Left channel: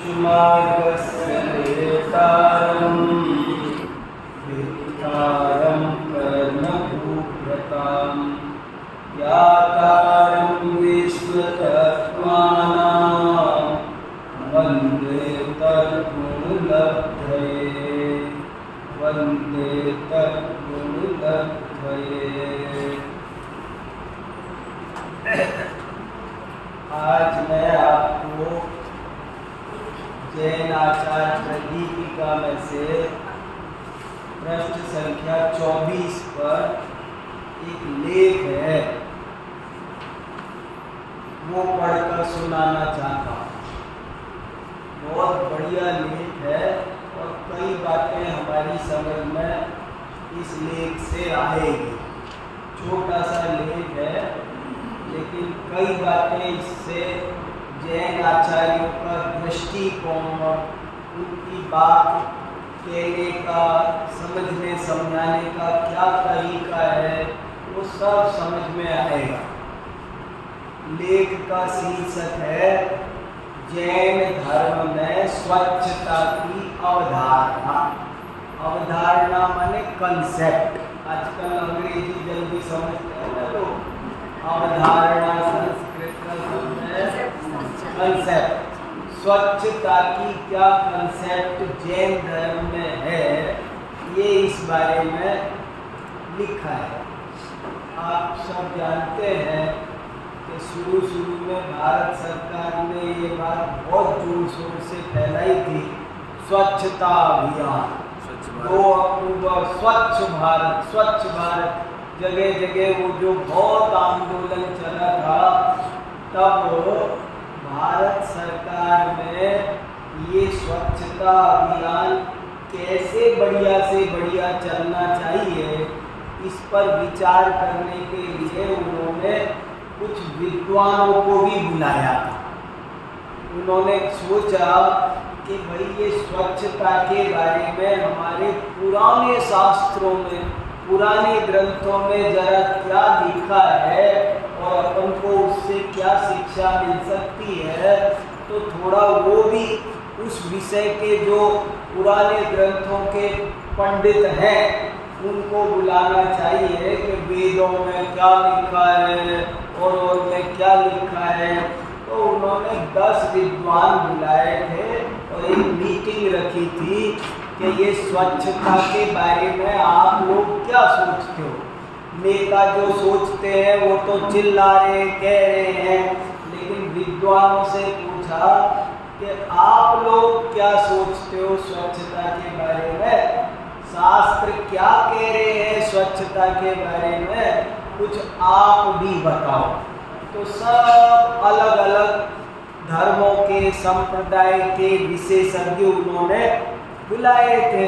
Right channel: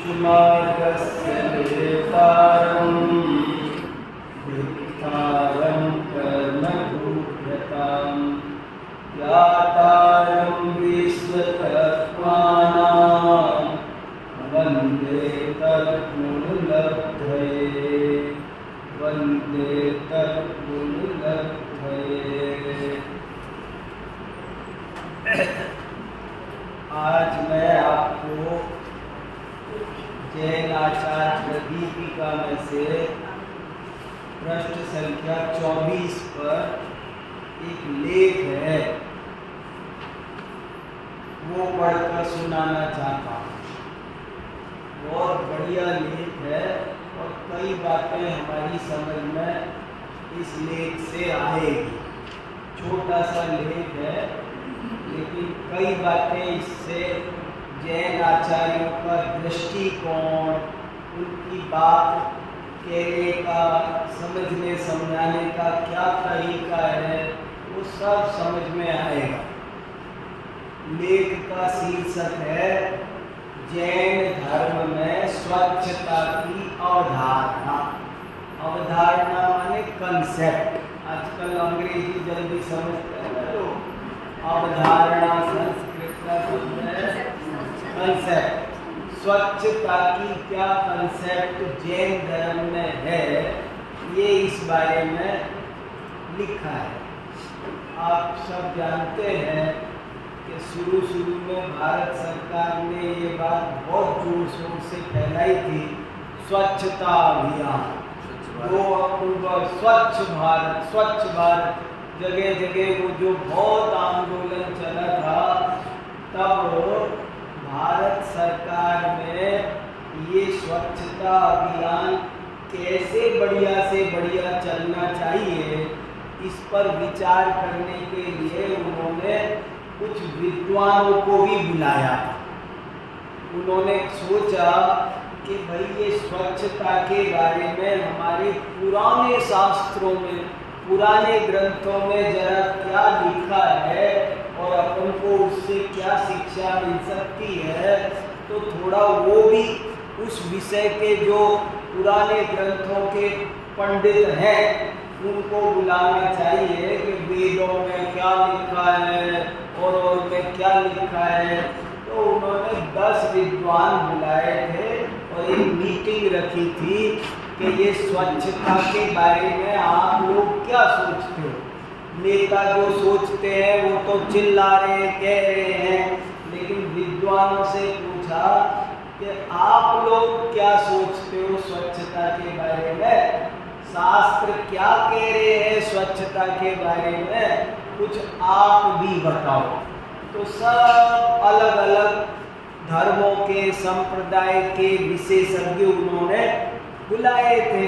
मार्गस्य नेतारं वित्तारं कर्मभूभ्रतां ज्ञातारं विश्वतत्त्वानां वन्दे तद्गुणलब्धये वन्दे तद्गुणलब्धये। आज मैं आपको जैन आचार्य प्रदीपिका में से पृष्ठ संख्या 24 पर एक लेख है, वो पढ़कर सुनाना चाहता हूँ। बहुत बढ़िया लेख है और कई बातें हमारी समझ में इस लेख से आएगी। छोटा सा लेख है लेकिन कई बातें इससे जैन आचार्यों का दृष्टिकोण, उनकी बात कहने का, समझने समझाने का क्या तरीका है, वो सब समझ में आएगा। लेख का शीर्षक है जैन धर्म में स्वच्छता की अवधारणा। अवधारणा माने कंसेप्ट। आजकल अंग्रेजी जल्दी समझते हैं ना लोग। अवधारणा संस्कृत का शब्द है कंसेप्ट। स्वच्छता की क्या कंसेप्ट जैन धर्म में है, ये इस बारे में लिखा है। आप सब जानते हैं कि शुरू में भारत सरकार ने ये बात बहुत जोर शोर से फैलाई थी, स्वच्छता अभियान 2 अक्टूबर स्वच्छ भारत। जगह जगह वो जो बहुत आंदोलन चला था, तब भारत सरकार में ये स्वच्छता अभियान कैसे बढ़िया से बढ़िया चलना चाहिए, इस पर विचार करने के लिए उन्होंने कुछ विद्वानों को भी बुलाया था। उन्होंने सोचा कि भाई ये स्वच्छता के बारे में हमारे पुराने शास्त्रों में, पुराने ग्रंथों में जरा क्या लिखा है और अपन को उससे क्या शिक्षा मिल सकती है, तो थोड़ा वो भी उस विषय के जो पुराने ग्रंथों के पंडित हैं उनको बुलाना चाहिए कि वेदों में क्या लिखा है और में क्या लिखा है। तो उन्होंने 10 विद्वान बुलाए थे और एक मीटिंग रखी थी कि ये स्वच्छता के बारे में आप लोग क्या सोचते हो। नेता जो सोचते हैं वो तो चिल्ला रहे, कह रहे हैं, लेकिन विद्वानों से पूछा कि आप लोग क्या सोचते हो स्वच्छता के बारे में, शास्त्र क्या कह रहे हैं स्वच्छता के बारे में, कुछ आप भी बताओ। तो सब अलग अलग धर्मों के, संप्रदाय के विशेषज्ञ उन्होंने बुलाए थे।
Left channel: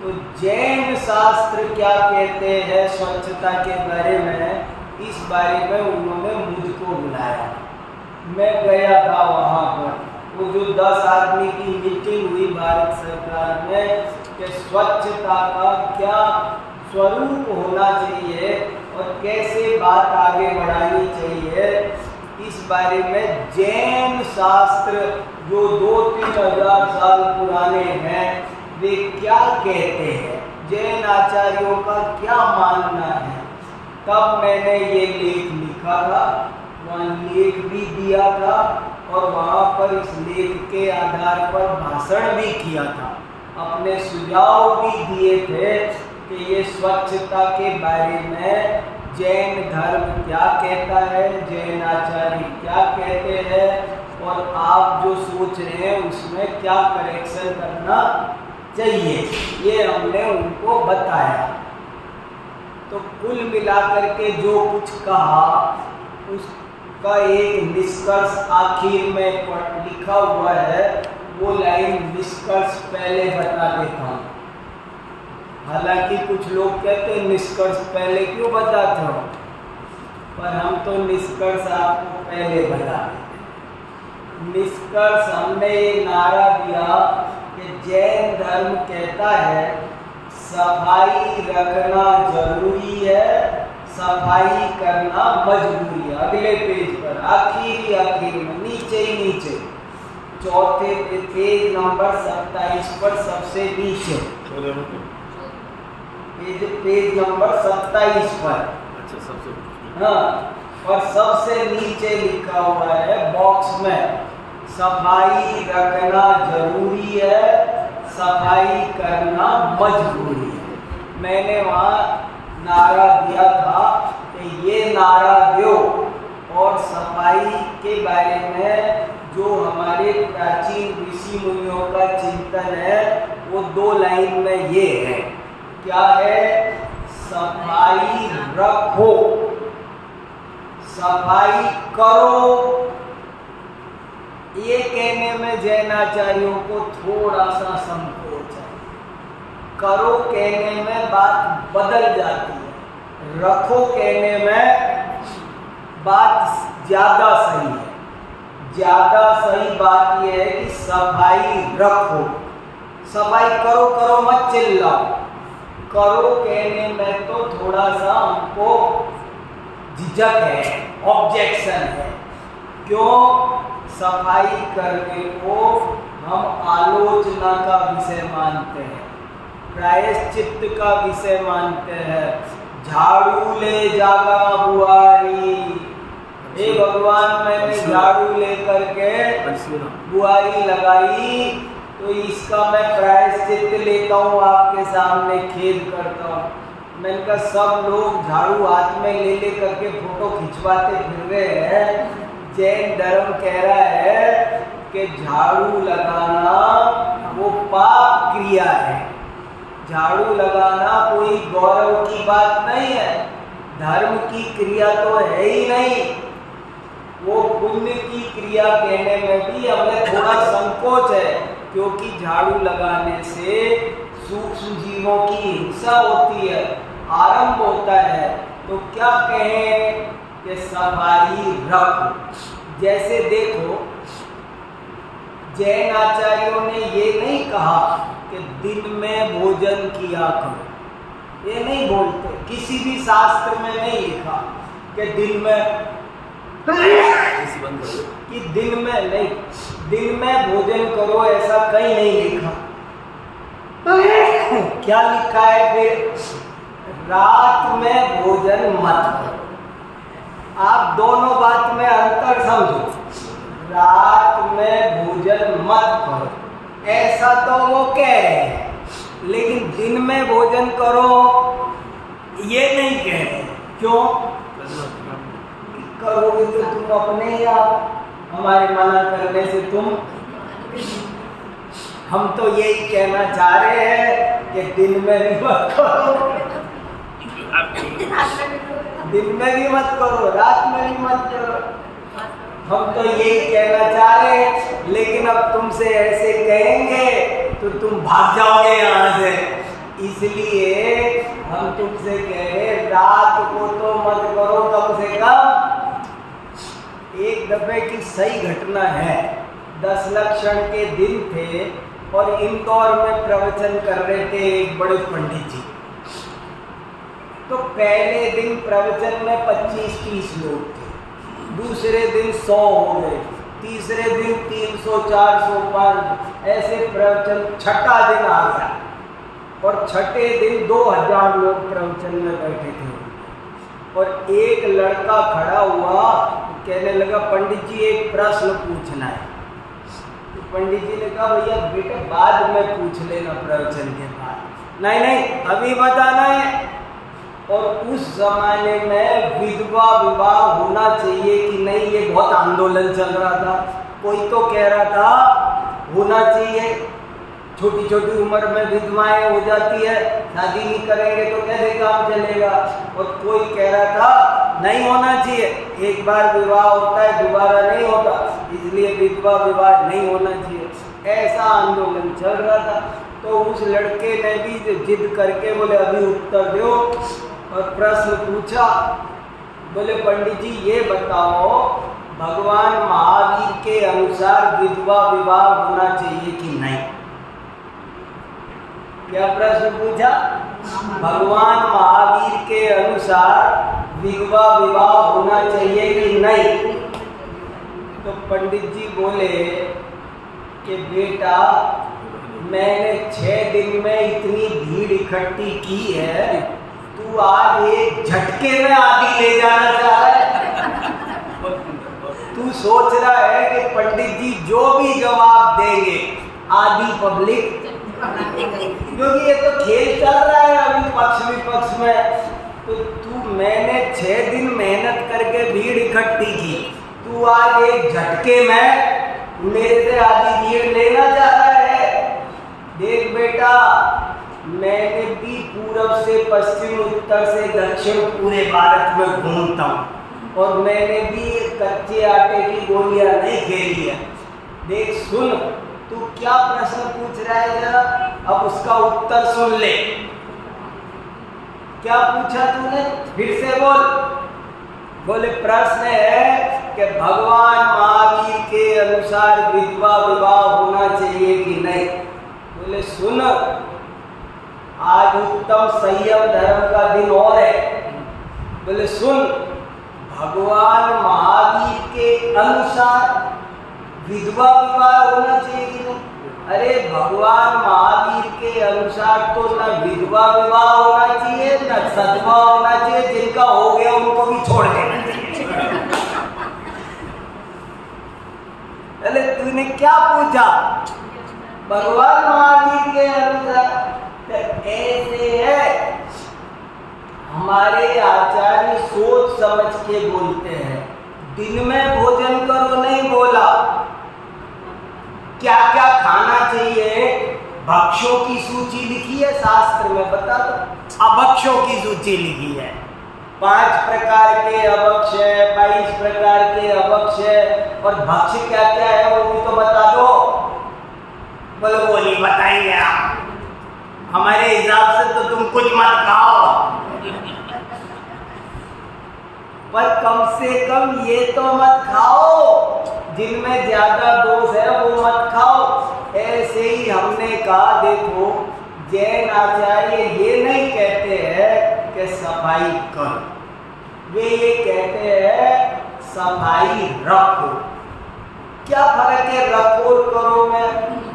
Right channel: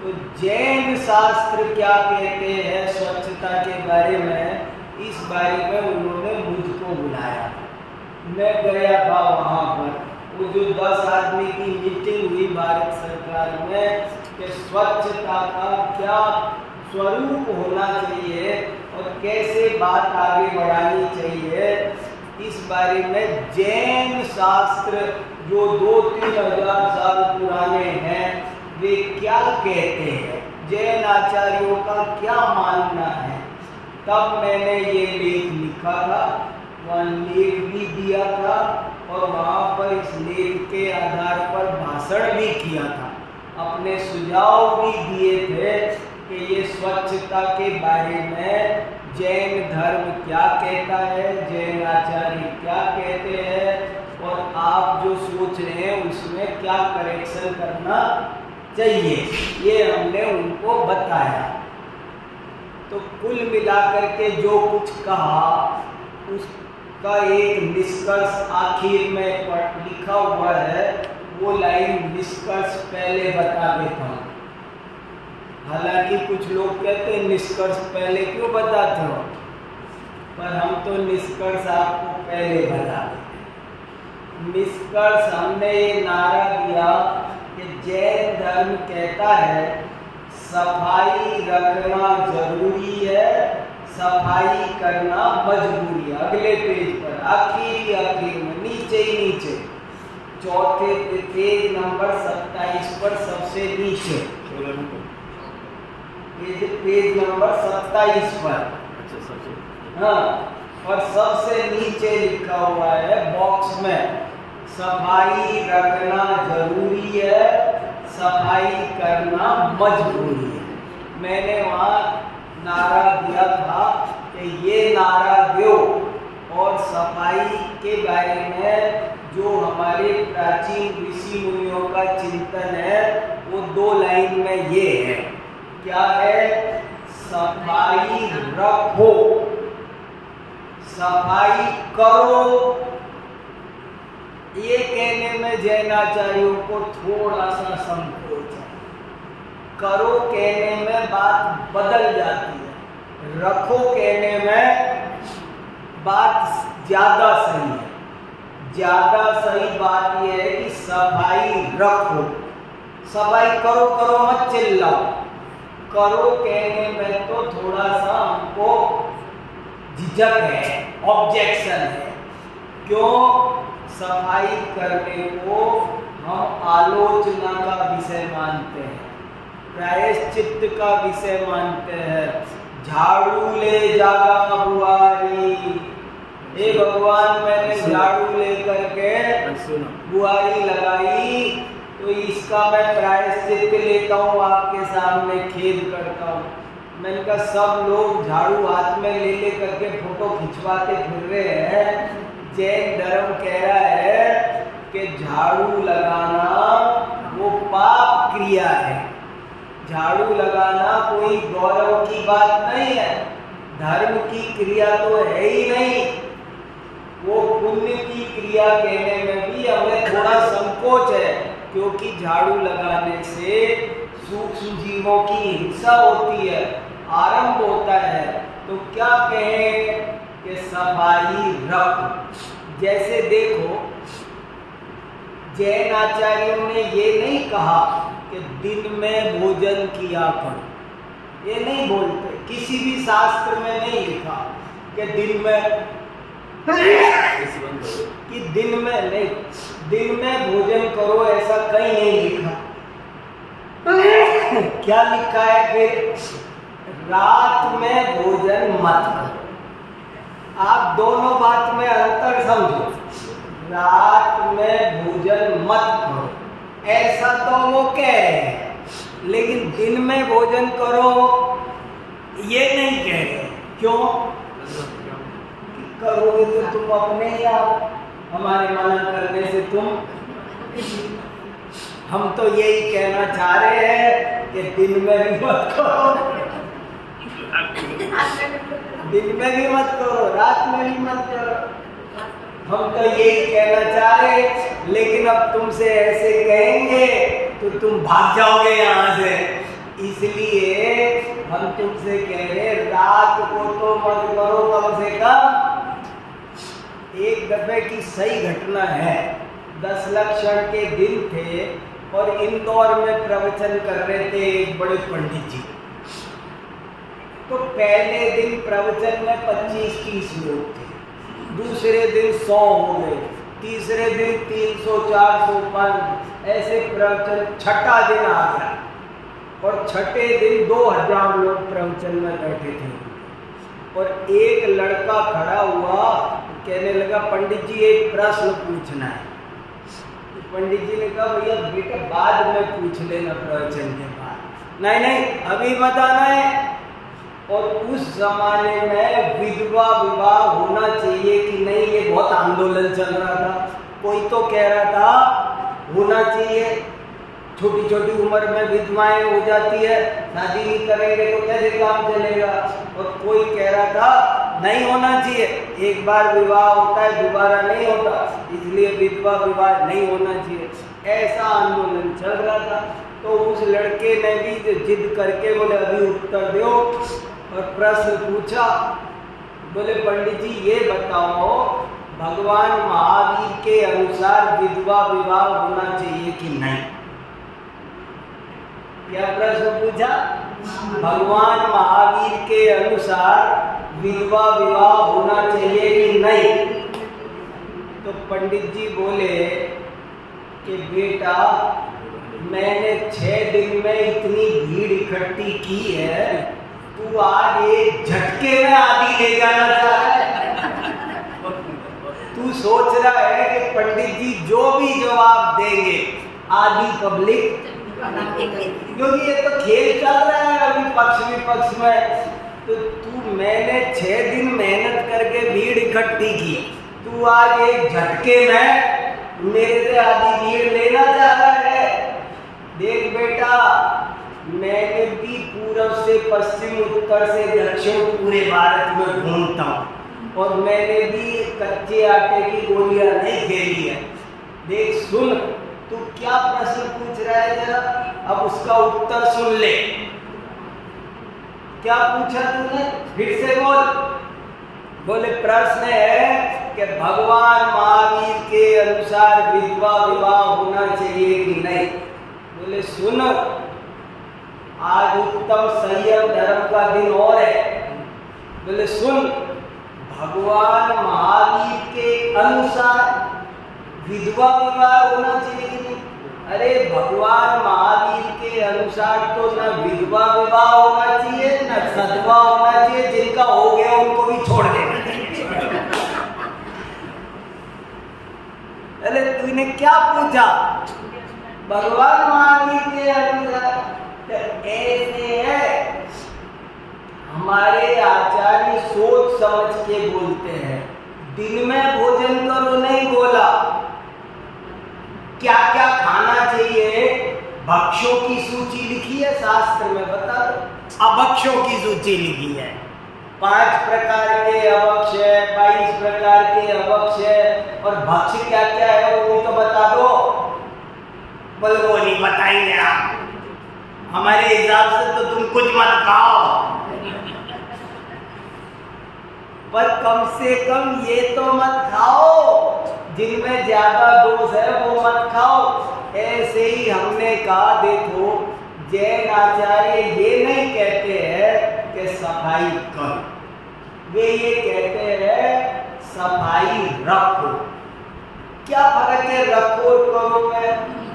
तो जैन शास्त्र क्या कहते हैं स्वच्छता के बारे में, इस बारे में उन्होंने मुझको बुलाया। मैं गया था वहाँ पर। वो जो 10 आदमी की मीटिंग हुई भारत सरकार में कि स्वच्छता का क्या स्वरूप होना चाहिए और कैसे बात आगे बढ़ानी चाहिए, इस बारे में जैन शास्त्र जो 2-3 हजार साल पुराने हैं वे क्या कहते हैं, जैन आचार्यों का क्या मानना है। तब मैंने ये लेख लिखा था, वहाँ लेख भी दिया था और वहाँ पर इस लेख के आधार पर भाषण भी किया था, अपने सुझाव भी दिए थे कि ये स्वच्छता के बारे में जैन धर्म क्या कहता है, जैन आचार्य क्या कहते हैं और आप जो सोच रहे हैं उसमें क्या करेक्शन करना चाहिए, ये हमने उनको बताया। तो कुल मिलाकर के जो कुछ कहा उसका एक निष्कर्ष आखिर में लिखा हुआ है, वो लाइन निष्कर्ष पहले बता देता हूँ। हालांकि कुछ लोग कहते हैं निष्कर्ष पहले क्यों बताते हो, पर हम तो निष्कर्ष आपको पहले बता देते। निष्कर्ष हमने ये नारा दिया कि जैन धर्म कहता है सफाई रखना जरूरी है, सफाई करना मजबूरी है। अगले पेज पर आखिर में नीचे ही नीचे चौथे पेज नंबर 27 पर सबसे नीचे, पेज नंबर 27 पर। हाँ, और सबसे नीचे लिखा हुआ है बॉक्स में, सफाई रखना जरूरी है, सफाई करना मजबूरी है। मैंने वहाँ नारा दिया था कि ये नारा दो, और सफाई के बारे में जो हमारे प्राचीन ऋषि मुनियों का चिंतन है वो 2 लाइन में ये है। क्या है? सफाई रखो, सफाई करो। ये कहने में जैनाचार्यों को थोड़ा सा संकोच है। करो कहने में बात बदल जाती है, रखो कहने में बात ज्यादा सही है। ज्यादा सही बात यह है कि सफाई रखो, सफाई करो, करो मत चिल्लाओ। करो कहने में तो थोड़ा सा हमको झिझक है, ऑब्जेक्शन है। क्यों? सफाई करने को हम आलोचना का विषय मानते हैं, प्रायश्चित्त का विषय मानते हैं। झाड़ू ले जागा बुआरी, हे भगवान मैंने झाड़ू लेकर के बुआरी लगाई तो इसका मैं प्रायश्चित्त लेता हूँ, आपके सामने खेद करता हूँ। मैंने कहा सब लोग झाड़ू हाथ में ले करके फोटो खिंचवाते फिर रहे हैं। जैन धर्म कह रहा है कि झाड़ू लगाना वो पाप क्रिया है। झाड़ू लगाना कोई गौरव की बात नहीं है, धर्म की क्रिया तो है ही नहीं, वो पुण्य की क्रिया कहने में भी हमें थोड़ा संकोच है, क्योंकि झाड़ू लगाने से सूक्ष्म जीवों की हिंसा होती है, आरंभ होता है। तो क्या कहें कि सफाई रखो। जैसे देखो, जैन आचार्यों ने ये नहीं कहा कि दिन में भोजन किया करो, ये नहीं बोलते, किसी भी शास्त्र में नहीं लिखा कि दिन में कि दिन में नहीं, दिन में भोजन करो ऐसा कहीं नहीं लिखा। क्या लिखा है फिर? रात में भोजन मत करो। आप दोनों बात में अंतर समझो। रात में भोजन मत करो ऐसा तो वो कह रहे हैं, लेकिन दिन में भोजन करो ये नहीं कह रहे। क्यों? करोगे तो तुम अपने ही आप, हमारे मना करने से तुम, हम तो यही कहना चाह रहे हैं कि दिन में भी मत करो, दिन में भी मत करो, रात में भी मत करो। हम तो यही कहना चाह रहे हैं, लेकिन अब तुमसे ऐसे कहेंगे तो तुम भाग जाओगे यहाँ से। इसलिए हम तुमसे कह रहे रात को तो मत करो कम से कम। एक दफे की सही घटना है, 10 लक्षण के दिन थे और इंदौर में प्रवचन कर रहे थे एक बड़े पंडित जी। तो पहले दिन प्रवचन में 25-30 लोग थे, दूसरे दिन 100 हो गए, तीसरे दिन 300, 400, 500 ऐसे प्रवचन। छठा दिन आ गया और छठे दिन 2000 लोग प्रवचन में बैठे थे। और एक लड़का खड़ा हुआ, कहने लगा पंडित जी एक प्रश्न पूछना है। तो पंडित जी ने कहा भैया बेटा बाद में पूछ लेना प्रवचन के बाद। नहीं नहीं अभी बताना है। और उस जमाने में विधवा विवाह होना चाहिए कि नहीं, ये बहुत आंदोलन चल रहा था। कोई तो कह रहा था होना चाहिए, छोटी छोटी उम्र में विधवाएं हो जाती है, शादी नहीं करेंगे तो कैसे काम चलेगा। और कोई कह रहा था नहीं होना चाहिए, एक बार विवाह होता है दोबारा नहीं होता, इसलिए विधवा विवाह नहीं होना चाहिए। ऐसा आंदोलन चल रहा था। तो उस लड़के ने भी जिद करके बोले अभी उत्तर दो, और प्रश्न पूछा। बोले पंडित जी ये बताओ भगवान महावीर के अनुसार विधवा विवाह होना चाहिए कि नहीं। क्या प्रश्न पूछा? भगवान महावीर के अनुसार विधवा विवाह होना चाहिए कि नहीं। तो पंडित जी बोले कि बेटा मैंने 6 दिन में इतनी भीड़ इकट्ठी की है, तू आज एक झटके में आधी ले जाना चाह रहा है। तू सोच रहा है कि पंडित जी जो भी जवाब देंगे आधी पब्लिक, क्योंकि ये तो खेल चल रहा है अभी पक्ष विपक्ष में। तो तू मैंने 6 दिन मेहनत करके भीड़ इकट्ठी की, तू आज एक झटके में मेरे से आधी भीड़ लेना चाह रहा है। देख बेटा, मैंने भी पूरब से पश्चिम, उत्तर से दक्षिण पूरे भारत में घूमता हूँ और मैंने भी कच्चे आटे की गोलियां नहीं खेली है। देख सुन, तू क्या प्रश्न पूछ रहा है, जरा अब उसका उत्तर सुन ले। क्या पूछा तूने, फिर से बोल। बोले प्रश्न है कि भगवान महावीर के अनुसार विधवा विवाह होना चाहिए कि नहीं। बोले सुन, आज उत्तम संयम धर्म का दिन और है। बोले सुन, भगवान महावीर के अनुसार विधवा विवाह होना चाहिए कि नहीं। अरे भगवान महावीर के अनुसार तो न विधवा विवाह होना चाहिए न सदवा होना चाहिए, जिनका हो गया उनको भी छोड़ देना चाहिए। अरे तूने क्या पूछा, भगवान महावीर के अनुसार ऐसे है। हमारे आचार्य सोच समझ के बोलते हैं, दिन में भोजन करो नहीं बोला, क्या क्या खाना चाहिए भक्ष्यों की सूची लिखी है शास्त्र में, बता दो। अभक्ष्यों की सूची लिखी है, 5 प्रकार के अभक्ष्य है, 22 प्रकार के अभक्ष्य है, और भक्ष्य क्या क्या है वो भी तो बता दो। बोले वो नहीं बताएंगे आप, हमारे हिसाब से तो तुम कुछ मत खाओ, पर कम से कम ये तो मत खाओ, जिनमें ज्यादा दोष है वो मत खाओ। ऐसे ही हमने कहा, देखो जैन आचार्य ये नहीं कहते हैं कि सफाई करो, वे ये कहते हैं सफाई रखो। क्या फर्क है रखो और करो में,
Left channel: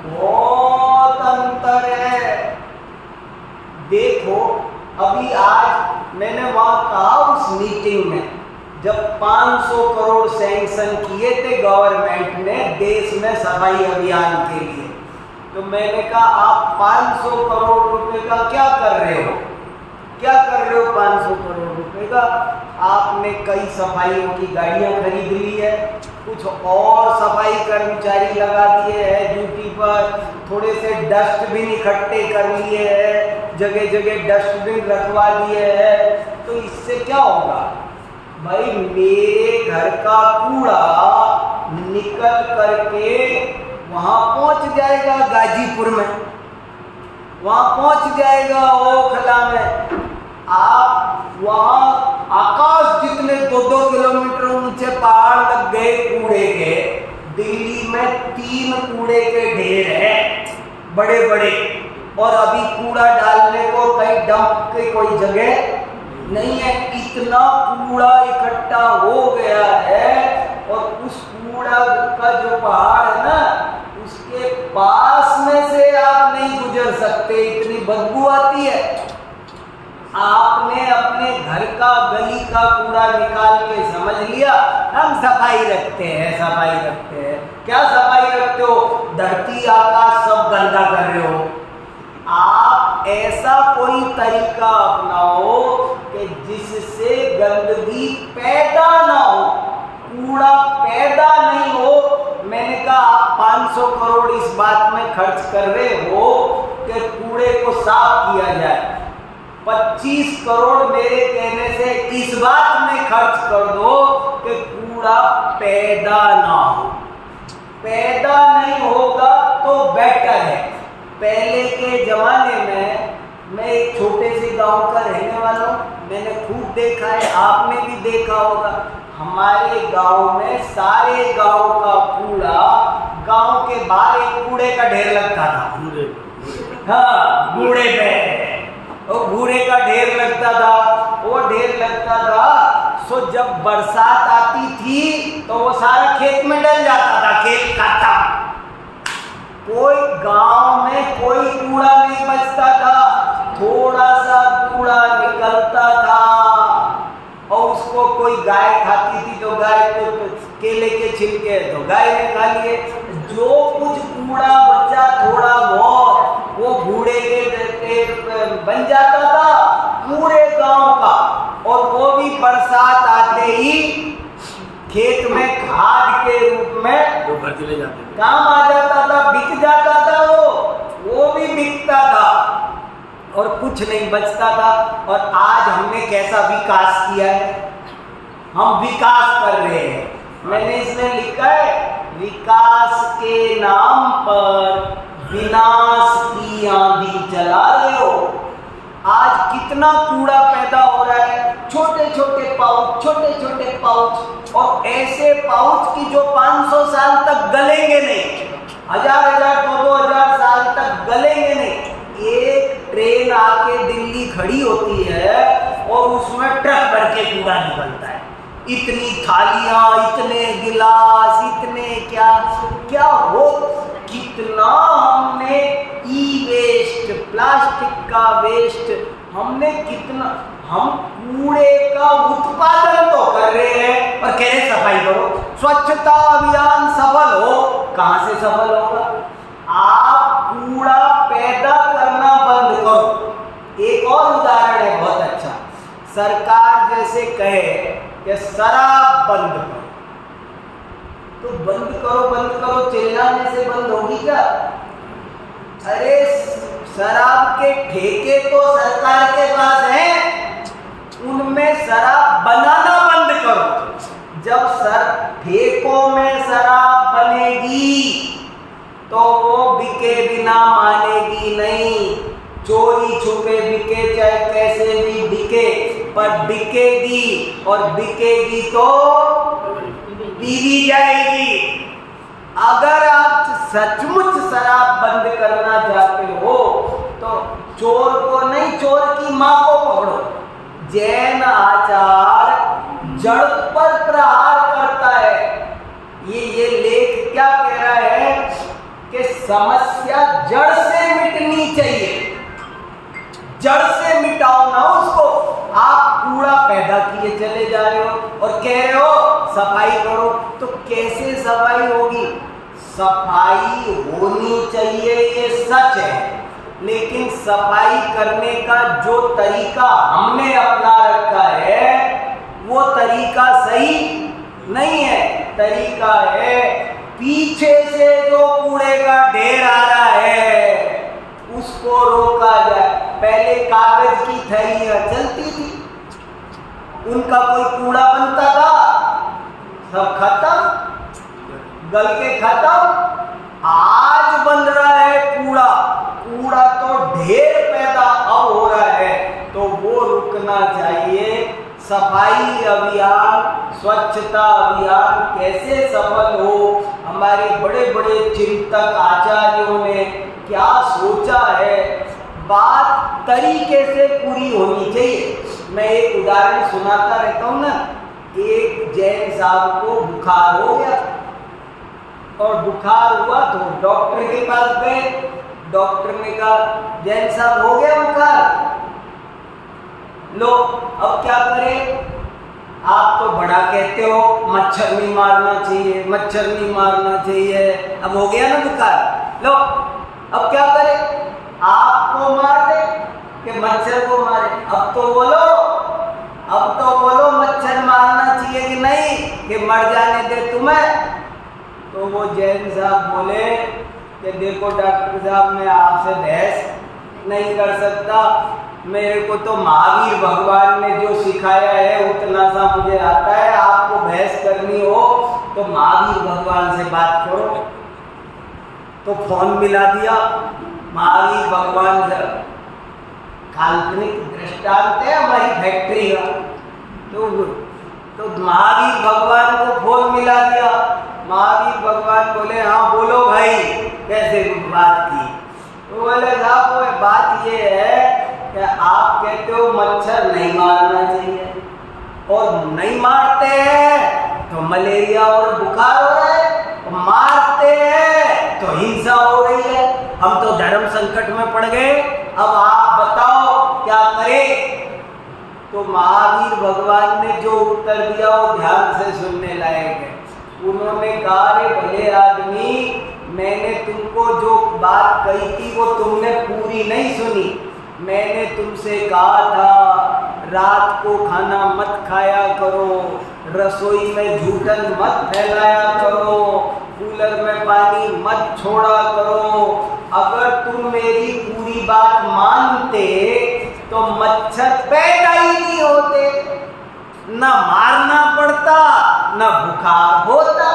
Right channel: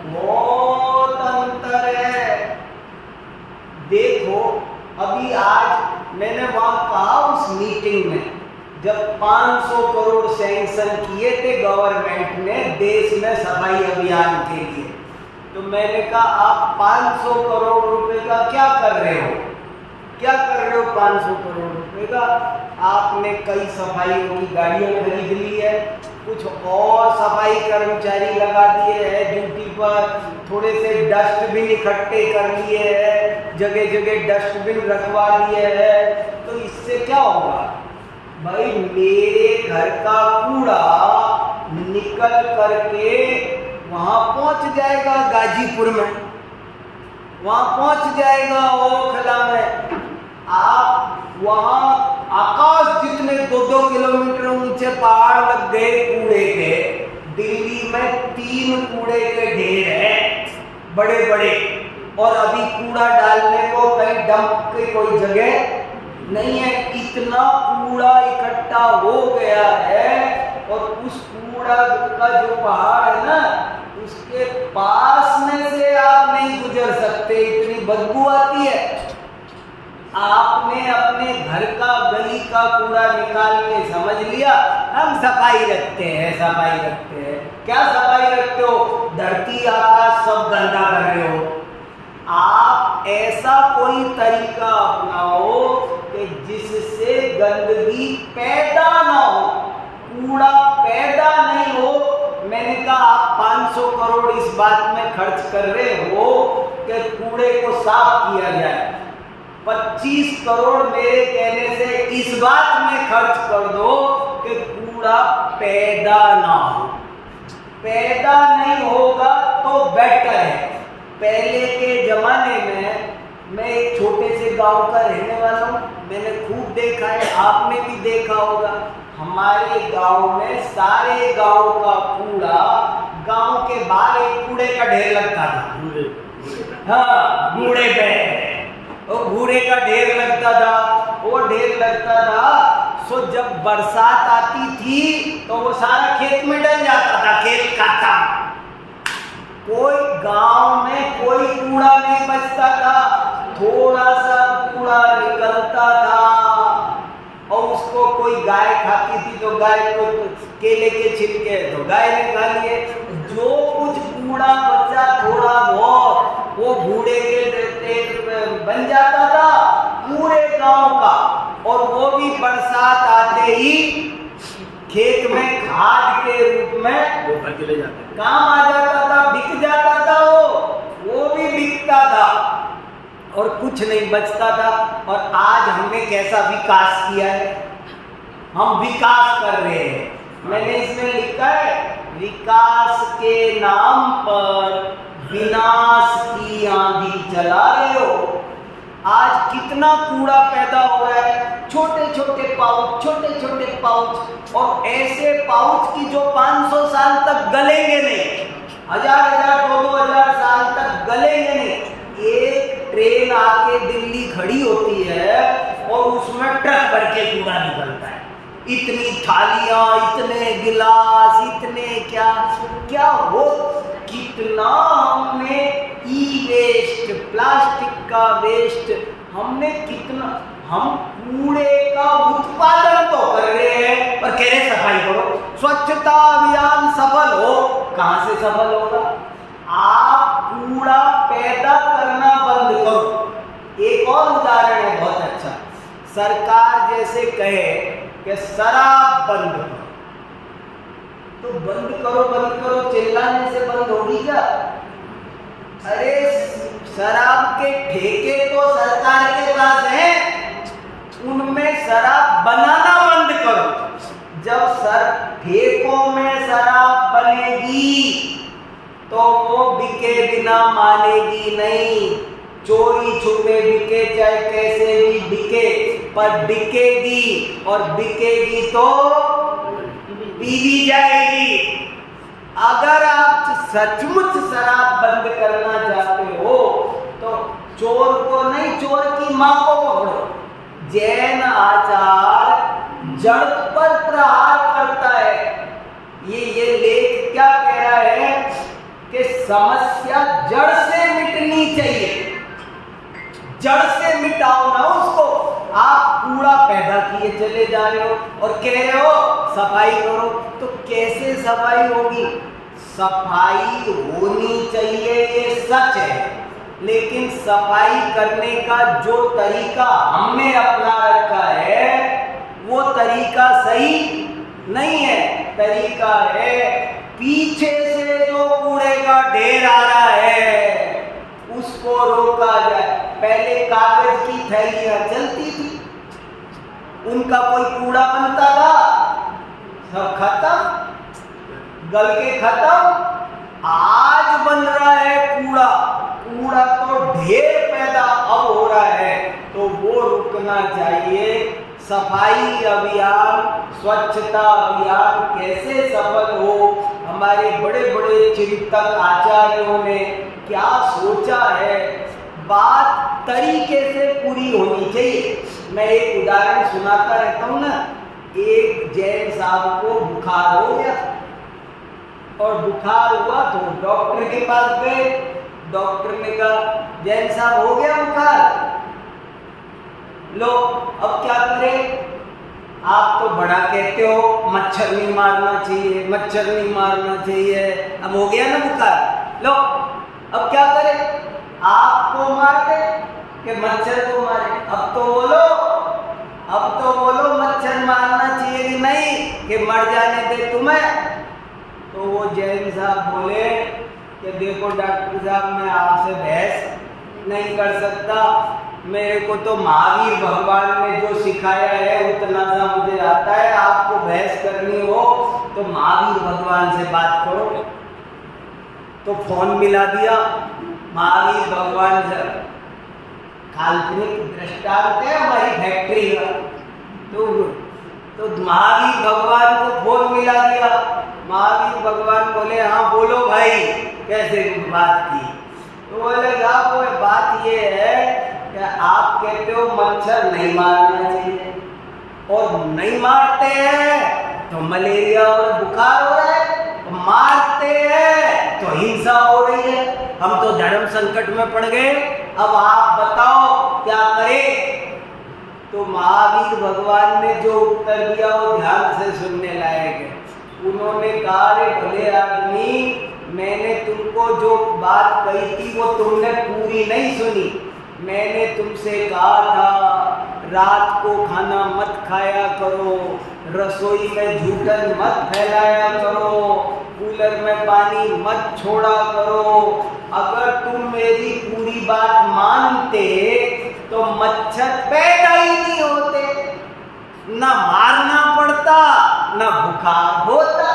बहुत अंतर है। देखो अभी आज मैंने वहां कहा उस मीटिंग में, जब 500 करोड़ सैंक्शन किए थे गवर्नमेंट ने देश में सफाई अभियान के लिए, तो मैंने कहा आप 500 करोड़ रुपए का क्या कर रहे हो, क्या कर रहे हो 500 करोड़ रुपए का। आपने कई सफाइयों की गाड़ियां खरीद ली है, कुछ और सफाई कर्मचारी लगा दिए हैं ड्यूटी पर, थोड़े से डस्टबिन इकट्ठे कर लिए हैं, जगह जगह डस्टबिन रखवा दिए हैं। तो इससे क्या होगा भाई, मेरे घर का कूड़ा निकल करके वहां पहुंच जाएगा गाजीपुर में, वहां पहुंच जाएगा ओखला में। आप वहां आकाश जितने 2-2 किलोमीटर ऊंचे पहाड़ लग गए कूड़े के, दिल्ली में 3 कूड़े के ढेर है बड़े बड़े, और अभी कूड़ा डालने को कहीं डंप की कोई जगह नहीं है। इतना कूड़ा इकट्ठा हो गया है, और उस कूड़ा का जो पहाड़ है ना, उसके पास में से आप नहीं गुजर सकते, इतनी बदबू आती है। आपने अपने घर का गली का कूड़ा निकाल के समझ लिया हम सफाई रखते हैं, सफाई रखते हैं। क्या सफाई रखते हो, धरती आकाश सब गंदा कर रहे हो। आप ऐसा कोई तरीका अपनाओ कि जिससे गंदगी पैदा ना हो, कूड़ा पैदा नहीं हो। मैंने कहा आप 500 करोड़ इस बात में खर्च कर रहे हो कि कूड़े को साफ किया जाए, 25 करोड़ मेरे कहने से इस बात में खर्च कर दो कि कूड़ा पैदा ना हो। पैदा नहीं होगा तो बेटर है। पहले के जमाने में, मैं एक छोटे से गांव का रहने वाला हूँ, मैंने खूब देखा है, आपने भी देखा होगा। हमारे गांव में सारे गांव का कूड़ा गांव के बाहर एक कूड़े का ढेर लगता था। हाँ, कूड़े पे वो कूड़े का ढेर लगता था, वो ढेर लगता था। सो जब बरसात आती थी तो वो सारा खेत में डल जाता था, खेत खत्म। कोई गांव में कोई कूड़ा नहीं बचता था, थोड़ा सा कूड़ा निकलता था और उसको कोई गाय खाती थी तो गाय को केले के छिलके तो गाय ने खा लिए। जो कुछ कूड़ा बचा थोड़ा बहुत वो बूढ़े के बन जाता था पूरे गांव का, और वो भी बरसात आते ही खेत में खाद के रूप में वो घर के ले जाते थे, काम आ जाता था, बिक जाता था, वो भी बिकता था और कुछ नहीं बचता था। और आज हमने कैसा विकास किया है, हम विकास कर रहे हैं। मैंने इसमें लिखा है विकास के नाम पर विनाश की आंधी चला रहे हो। आज कितना कूड़ा पैदा हो रहा है, छोटे छोटे पाउच, छोटे छोटे पाउच, और ऐसे पाउच की जो 500 साल तक गलेंगे नहीं, 1000 2000 साल तक गलेंगे नहीं। एक ट्रेन आके दिल्ली खड़ी होती है और उसमें ट्रक भर के कूड़ा निकलता है, इतनी थालियां, इतने गिलास, इतने क्या क्या हो, कितना हमने ई वेस्ट, प्लास्टिक का वेस्ट, हमने कितना, हम कूड़े का उत्पादन तो कर रहे हैं और कह रहे सफाई करो, स्वच्छता अभियान सफल हो। कहां से सफल होगा? आप कूड़ा पैदा करना बंद करो। एक और उदाहरण है बहुत अच्छा, सरकार जैसे कहे कि शराब बंद करो, तो बंद करो चिल्लाने से बंद होगी क्या? अरे शराब के ठेके तो सरकार के पास हैं, उनमें शराब बनाना बंद करो। जब ठेकों में शराब बनेगी तो वो बिके बिना मानेगी नहीं, चोरी छुपे बिके चाहे कैसे भी बिके, पर बिकेगी, और बिकेगी तो पीली जाएगी। अगर आप सचमुच शराब बंद करना चाहते हो तो चोर को नहीं, चोर की मां को पकड़ो। जैन आचार जड़ पर प्रहार करता है। ये लेख क्या कह रहा है कि समस्या जड़ से मिटनी चाहिए, जड़ से मिटाओ ना उसको। आप कूड़ा पैदा किए चले जा रहे हो और कह रहे हो सफाई करो, तो कैसे सफाई होगी? सफाई होनी चाहिए, ये सच है, लेकिन सफाई करने का जो तरीका हमने अपना रखा है वो तरीका सही नहीं है। तरीका है पीछे से जो कूड़े का ढेर आ रहा है उसको रोका जाए। पहले कागज की थैलियां चलती थी, उनका कोई कूड़ा बनता था, सब खत्म, गल के खत्म। आज बन रहा है कूड़ा, कूड़ा तो ढेर पैदा अब हो रहा है, तो वो रुकना चाहिए। सफाई अभियान, स्वच्छता अभियान कैसे सफल हो, हमारे बड़े बड़े चिंतक आचार्यों ने क्या सोचा है, बात तरीके से पूरी होनी चाहिए। मैं एक उदाहरण सुनाता रहता हूँ ना। एक जैन साहब को बुखार हो गया और बुखार हुआ तो डॉक्टर के पास गए। डॉक्टर ने कहा जैन साहब हो गया बुखार, लो अब क्या करें? आप तो बड़ा कहते हो मच्छर नहीं मारना चाहिए, मच्छर नहीं मारना चाहिए, अब हो गया ना बुखार, लो अब क्या करें? आपको मार दे कि मच्छर को मारे? अब तो बोलो मच्छर मारना चाहिए कि नहीं, कि मर जाने दे तुम्हें? तो वो जैन साहब बोले कि देखो डॉक्टर साहब, मैं आपसे बहस नहीं कर सकता, मेरे को तो महावीर भगवान ने जो सिखाया है उतना सा मुझे आता है, आपको बहस करनी हो तो महावीर भगवान से बात करो। तो फोन मिला दिया महावीर भगवान से, काल्पनिक दृष्टांत है हमारी फैक्ट्री का। तो महावीर भगवान को फोन मिला दिया। महावीर भगवान बोले हाँ बोलो भाई, कैसे बात की? तो बोले साहब वो बात ये है कि आप कहते हो मच्छर नहीं मारना चाहिए, और नहीं मारते हैं तो मलेरिया और बुखार हो रहा है। मारते हैं तो हिंसा हो रही है, हम तो धर्म संकट में पड़ गए, अब आप बताओ क्या करें। तो महावीर भगवान ने जो उत्तर दिया वो ध्यान से सुनने लायक है। उन्होंने कहा, रे भले आदमी, मैंने तुमको जो बात कही थी वो तुमने पूरी नहीं सुनी। मैंने तुमसे कहा था रात को खाना मत खाया करो, रसोई में झूठन मत फैलाया करो, कूलर में पानी मत छोड़ा करो। अगर तुम मेरी पूरी बात मानते तो मच्छर पैदा ही नहीं होते, ना मारना पड़ता, ना बुखार होता।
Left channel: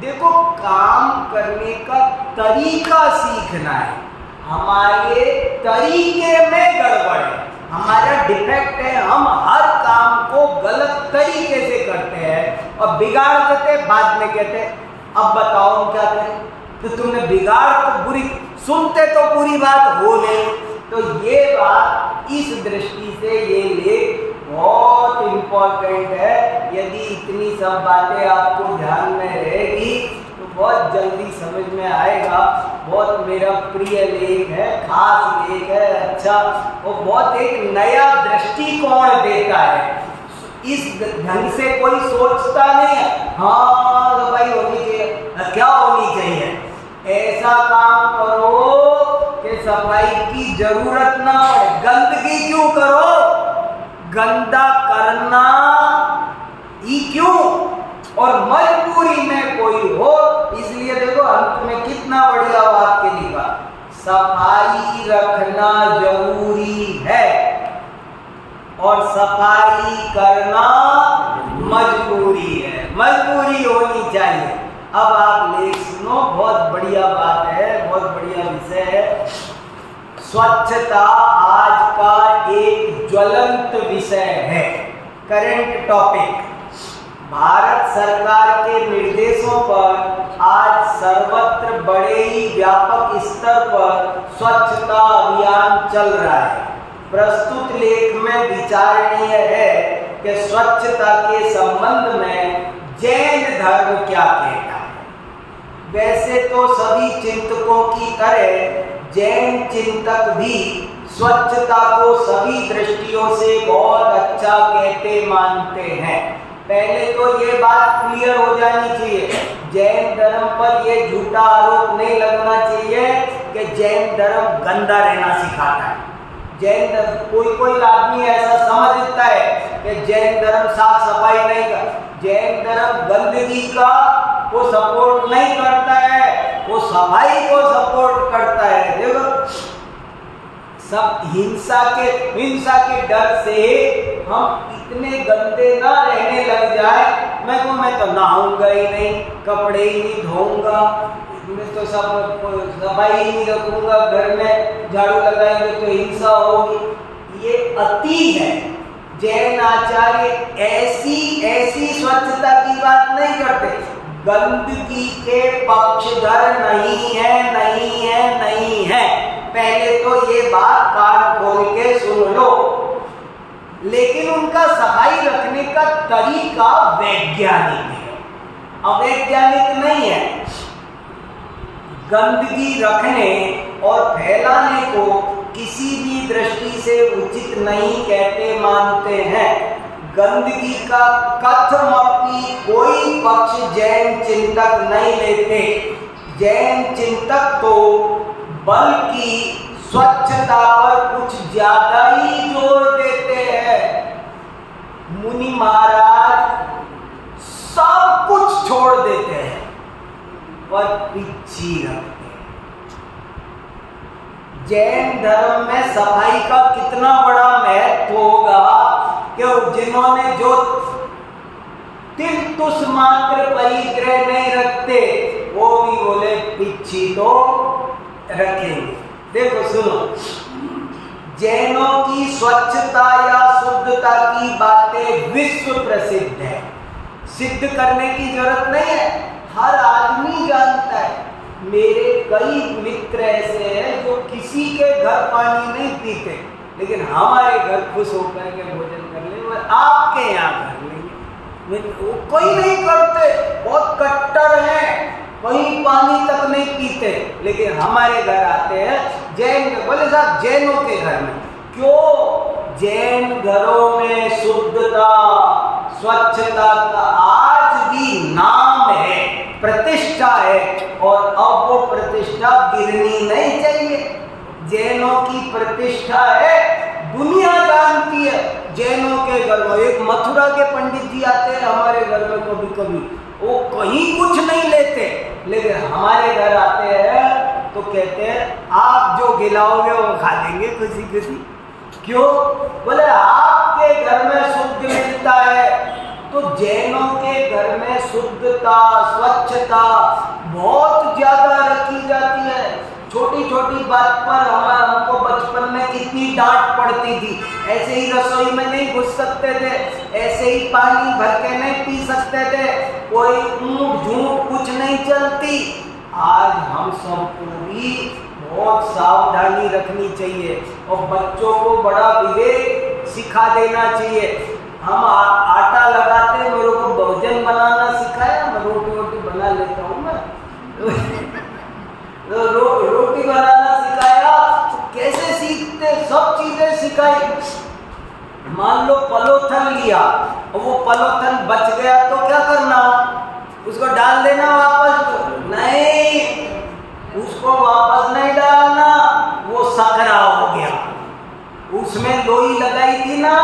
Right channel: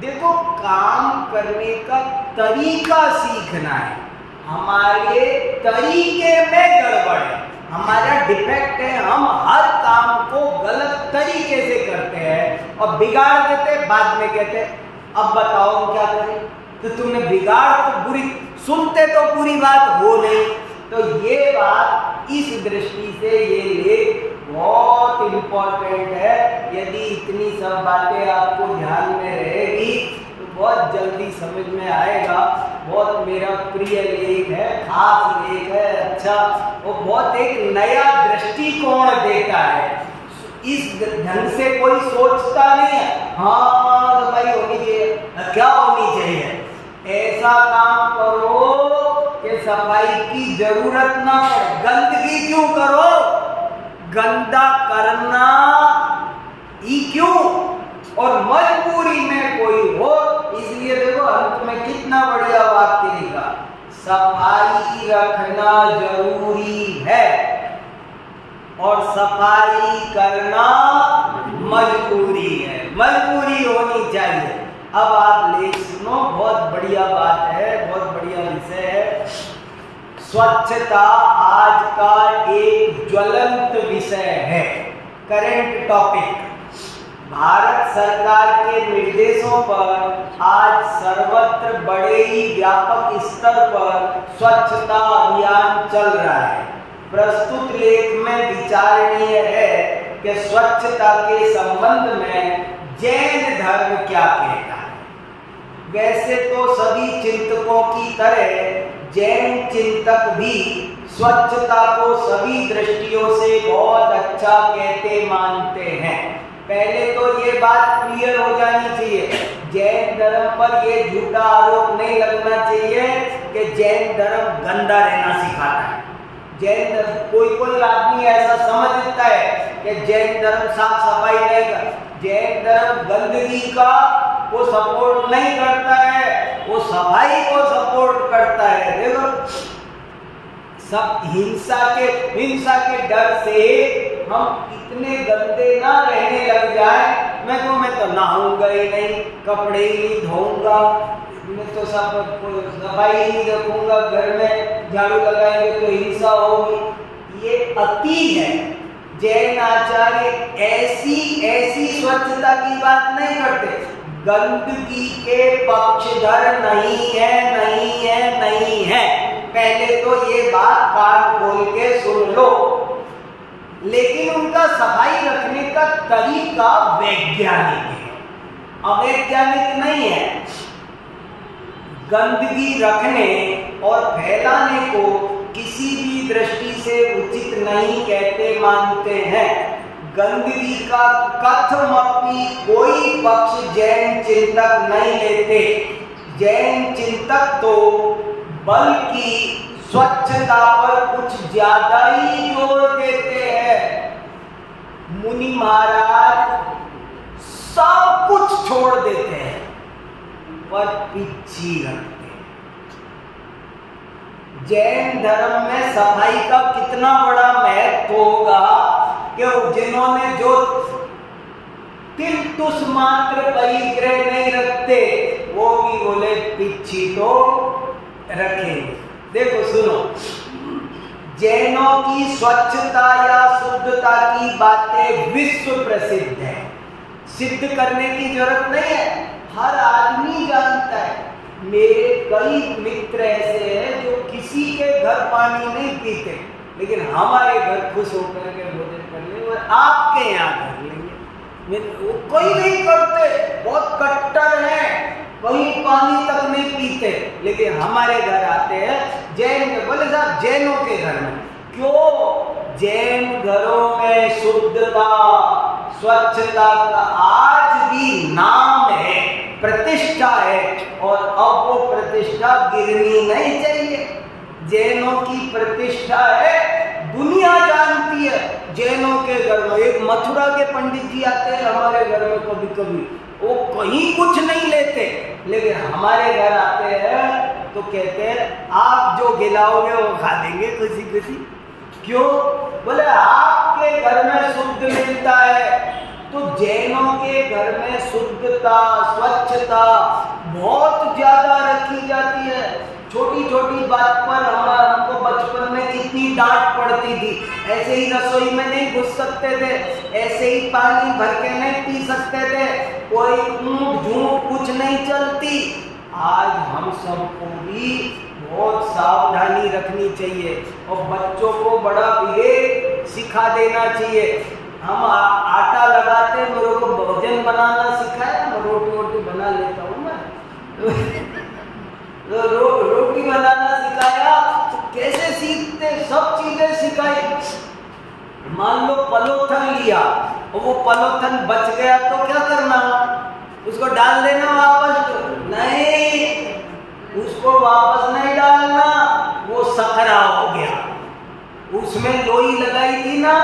देखो, काम करने का तरीका सीखना है। हमारे तरीके में गड़बड़ है, हमारा डिफेक्ट है। हम हर काम को गलत तरीके से करते हैं और बिगाड़ देते, बाद में कहते अब बताओ हम क्या करें। तो तुमने बिगाड़ तो बुरी, सुनते तो पूरी बात हो नहीं। तो ये बात इस दृष्टि से ये लेख बहुत इम्पोर्टेंट है। यदि इतनी सब बातें आपको ध्यान में रहेगी तो बहुत जल्दी समझ में आएगा। बहुत मेरा प्रिय लेख है, खास लेख है, अच्छा, वो बहुत एक नया दृष्टिकोण देता है। इस ढंग से कोई सोचता नहीं है, हाँ सफाई होनी चाहिए, क्या होनी चाहिए, ऐसा काम करो कि सफाई की जरूरत ना पड़े। गंदगी क्यों करो, गंदा करना ही क्यों, और मजबूरी में कोई हो। इसलिए देखो अंत में कितना बढ़िया वाक्य लिखा, सफाई रखना जरूरी है और सफाई करना मजबूरी है, मजबूरी होनी चाहिए। अब आप लेख सुनो, बहुत बढ़िया बात है, बहुत बढ़िया विषय है। स्वच्छता आज का एक ज्वलंत विषय है, करंट टॉपिक। भारत सरकार के निर्देशों पर आज सर्वत्र बड़े ही व्यापक स्तर पर स्वच्छता अभियान चल रहा है। प्रस्तुत लेख में विचारणीय है कि स्वच्छता के संबंध में जैन धर्म क्या कहता है। वैसे तो सभी चिंतकों की तरह जैन चिंतक भी स्वच्छता को सभी दृष्टियों से बहुत अच्छा कहते मानते हैं। पहले तो ये बात क्लियर हो जानी चाहिए, जैन धर्म पर ये झूठा आरोप नहीं लगना चाहिए कि जैन धर्म गंदा रहना सिखाता है। जैन धर्म, कोई आदमी ऐसा समझता है कि जैन धर्म साफ सफाई नहीं कर, जैन धर्म गंदगी का वो सपोर्ट नहीं करता है, वो सफाई को सपोर्ट करता है। देखो, सब हिंसा के डर से हम इतने गंदे ना रहने लग जाए। मैं तो नहाऊंगा ही नहीं, कपड़े ही नहीं धोऊंगा, मैं तो सब सफाई ही नहीं रखूंगा, घर में झाड़ू लगाएंगे तो हिंसा होगी। ये अति है। जैन आचार्य ऐसी स्वच्छता की बात नहीं करते, गंदगी के पक्षधर नहीं है। पहले तो ये बात कान खोल के सुन लो। लेकिन उनका सफाई रखने का तरीका वैज्ञानिक है, अवैज्ञानिक नहीं है। गंदगी रखने और फैलाने को किसी भी दृष्टि से उचित नहीं कहते मानते हैं। गंदगी का कथमपि कोई पक्ष जैन चिंतक नहीं लेते। जैन चिंतक तो बल्कि स्वच्छता पर कुछ ज्यादा ही जोर देते हैं। मुनि महाराज सब कुछ छोड़ देते हैं पर पिच्छी रखते हैं। जैन धर्म में सफाई का कितना बड़ा महत्व होगा कि जिन्होंने जो तिलतुस मात्र परिग्रह नहीं रखते वो भी बोले पिच्छी तो रखेंगे। देखो सुनो, जैनों की स्वच्छता या शुद्धता की बातें विश्व प्रसिद्ध है, सिद्ध करने की जरूरत नहीं है, हर आदमी जानता है। मेरे कई मित्र ऐसे हैं जो किसी के घर पानी नहीं पीते, लेकिन हमारे घर खुश होकर के भोजन कर ले, और आपके यहाँ कर लेंगे। वो कोई नहीं करते, बहुत कट्टर हैं। कहीं पानी तक नहीं पीते। लेकिन हमारे घर आते हैं जैन के, बोले साहब जैनों के घर में क्यों? जैन घरों में शुद्धता स्वच्छता का आज भी नाम है, प्रतिष्ठा है, और अब वो प्रतिष्ठा गिरनी नहीं चाहिए। जैनों की प्रतिष्ठा है, दुनिया जानती है। जैनों के घर में एक मथुरा के पंडित जी आते हैं हमारे घर में कभी कभी, वो कहीं कुछ नहीं लेते, लेकिन हमारे घर आते हैं तो कहते हैं आप जो खिलाओगे वो खा लेंगे खुशी खुशी। क्यों? बोले आपके घर में शुद्ध मिलता है। तो जैनों के घर में शुद्धता स्वच्छता बहुत ज्यादा रखी जाती है। छोटी छोटी बात पर हमको बचपन में कितनी डांट पड़ती थी। ऐसे ही रसोई में नहीं घुस सकते थे, ऐसे ही पानी भर के नहीं पी सकते थे, कोई ऊंट झूठ कुछ नहीं चलती। आज हम सबको भी बहुत सावधानी रखनी चाहिए और बच्चों को बड़ा विवेक सिखा देना चाहिए। हम आटा लगाते, मेरे को भोजन बनाना सिखाया, मैं रोटी वोटी बना लेता हूँ मैं रोटी बनाना सिखाया तो कैसे सीखते, सब चीजें सिखाई। मान लो पलोथन लिया और वो पलोथन बच गया तो क्या करना? उसको डाल देना वापस? नहीं, उसको वापस नहीं डालना, वो सकरा हो गया। उसमें लोई लगाई थी ना,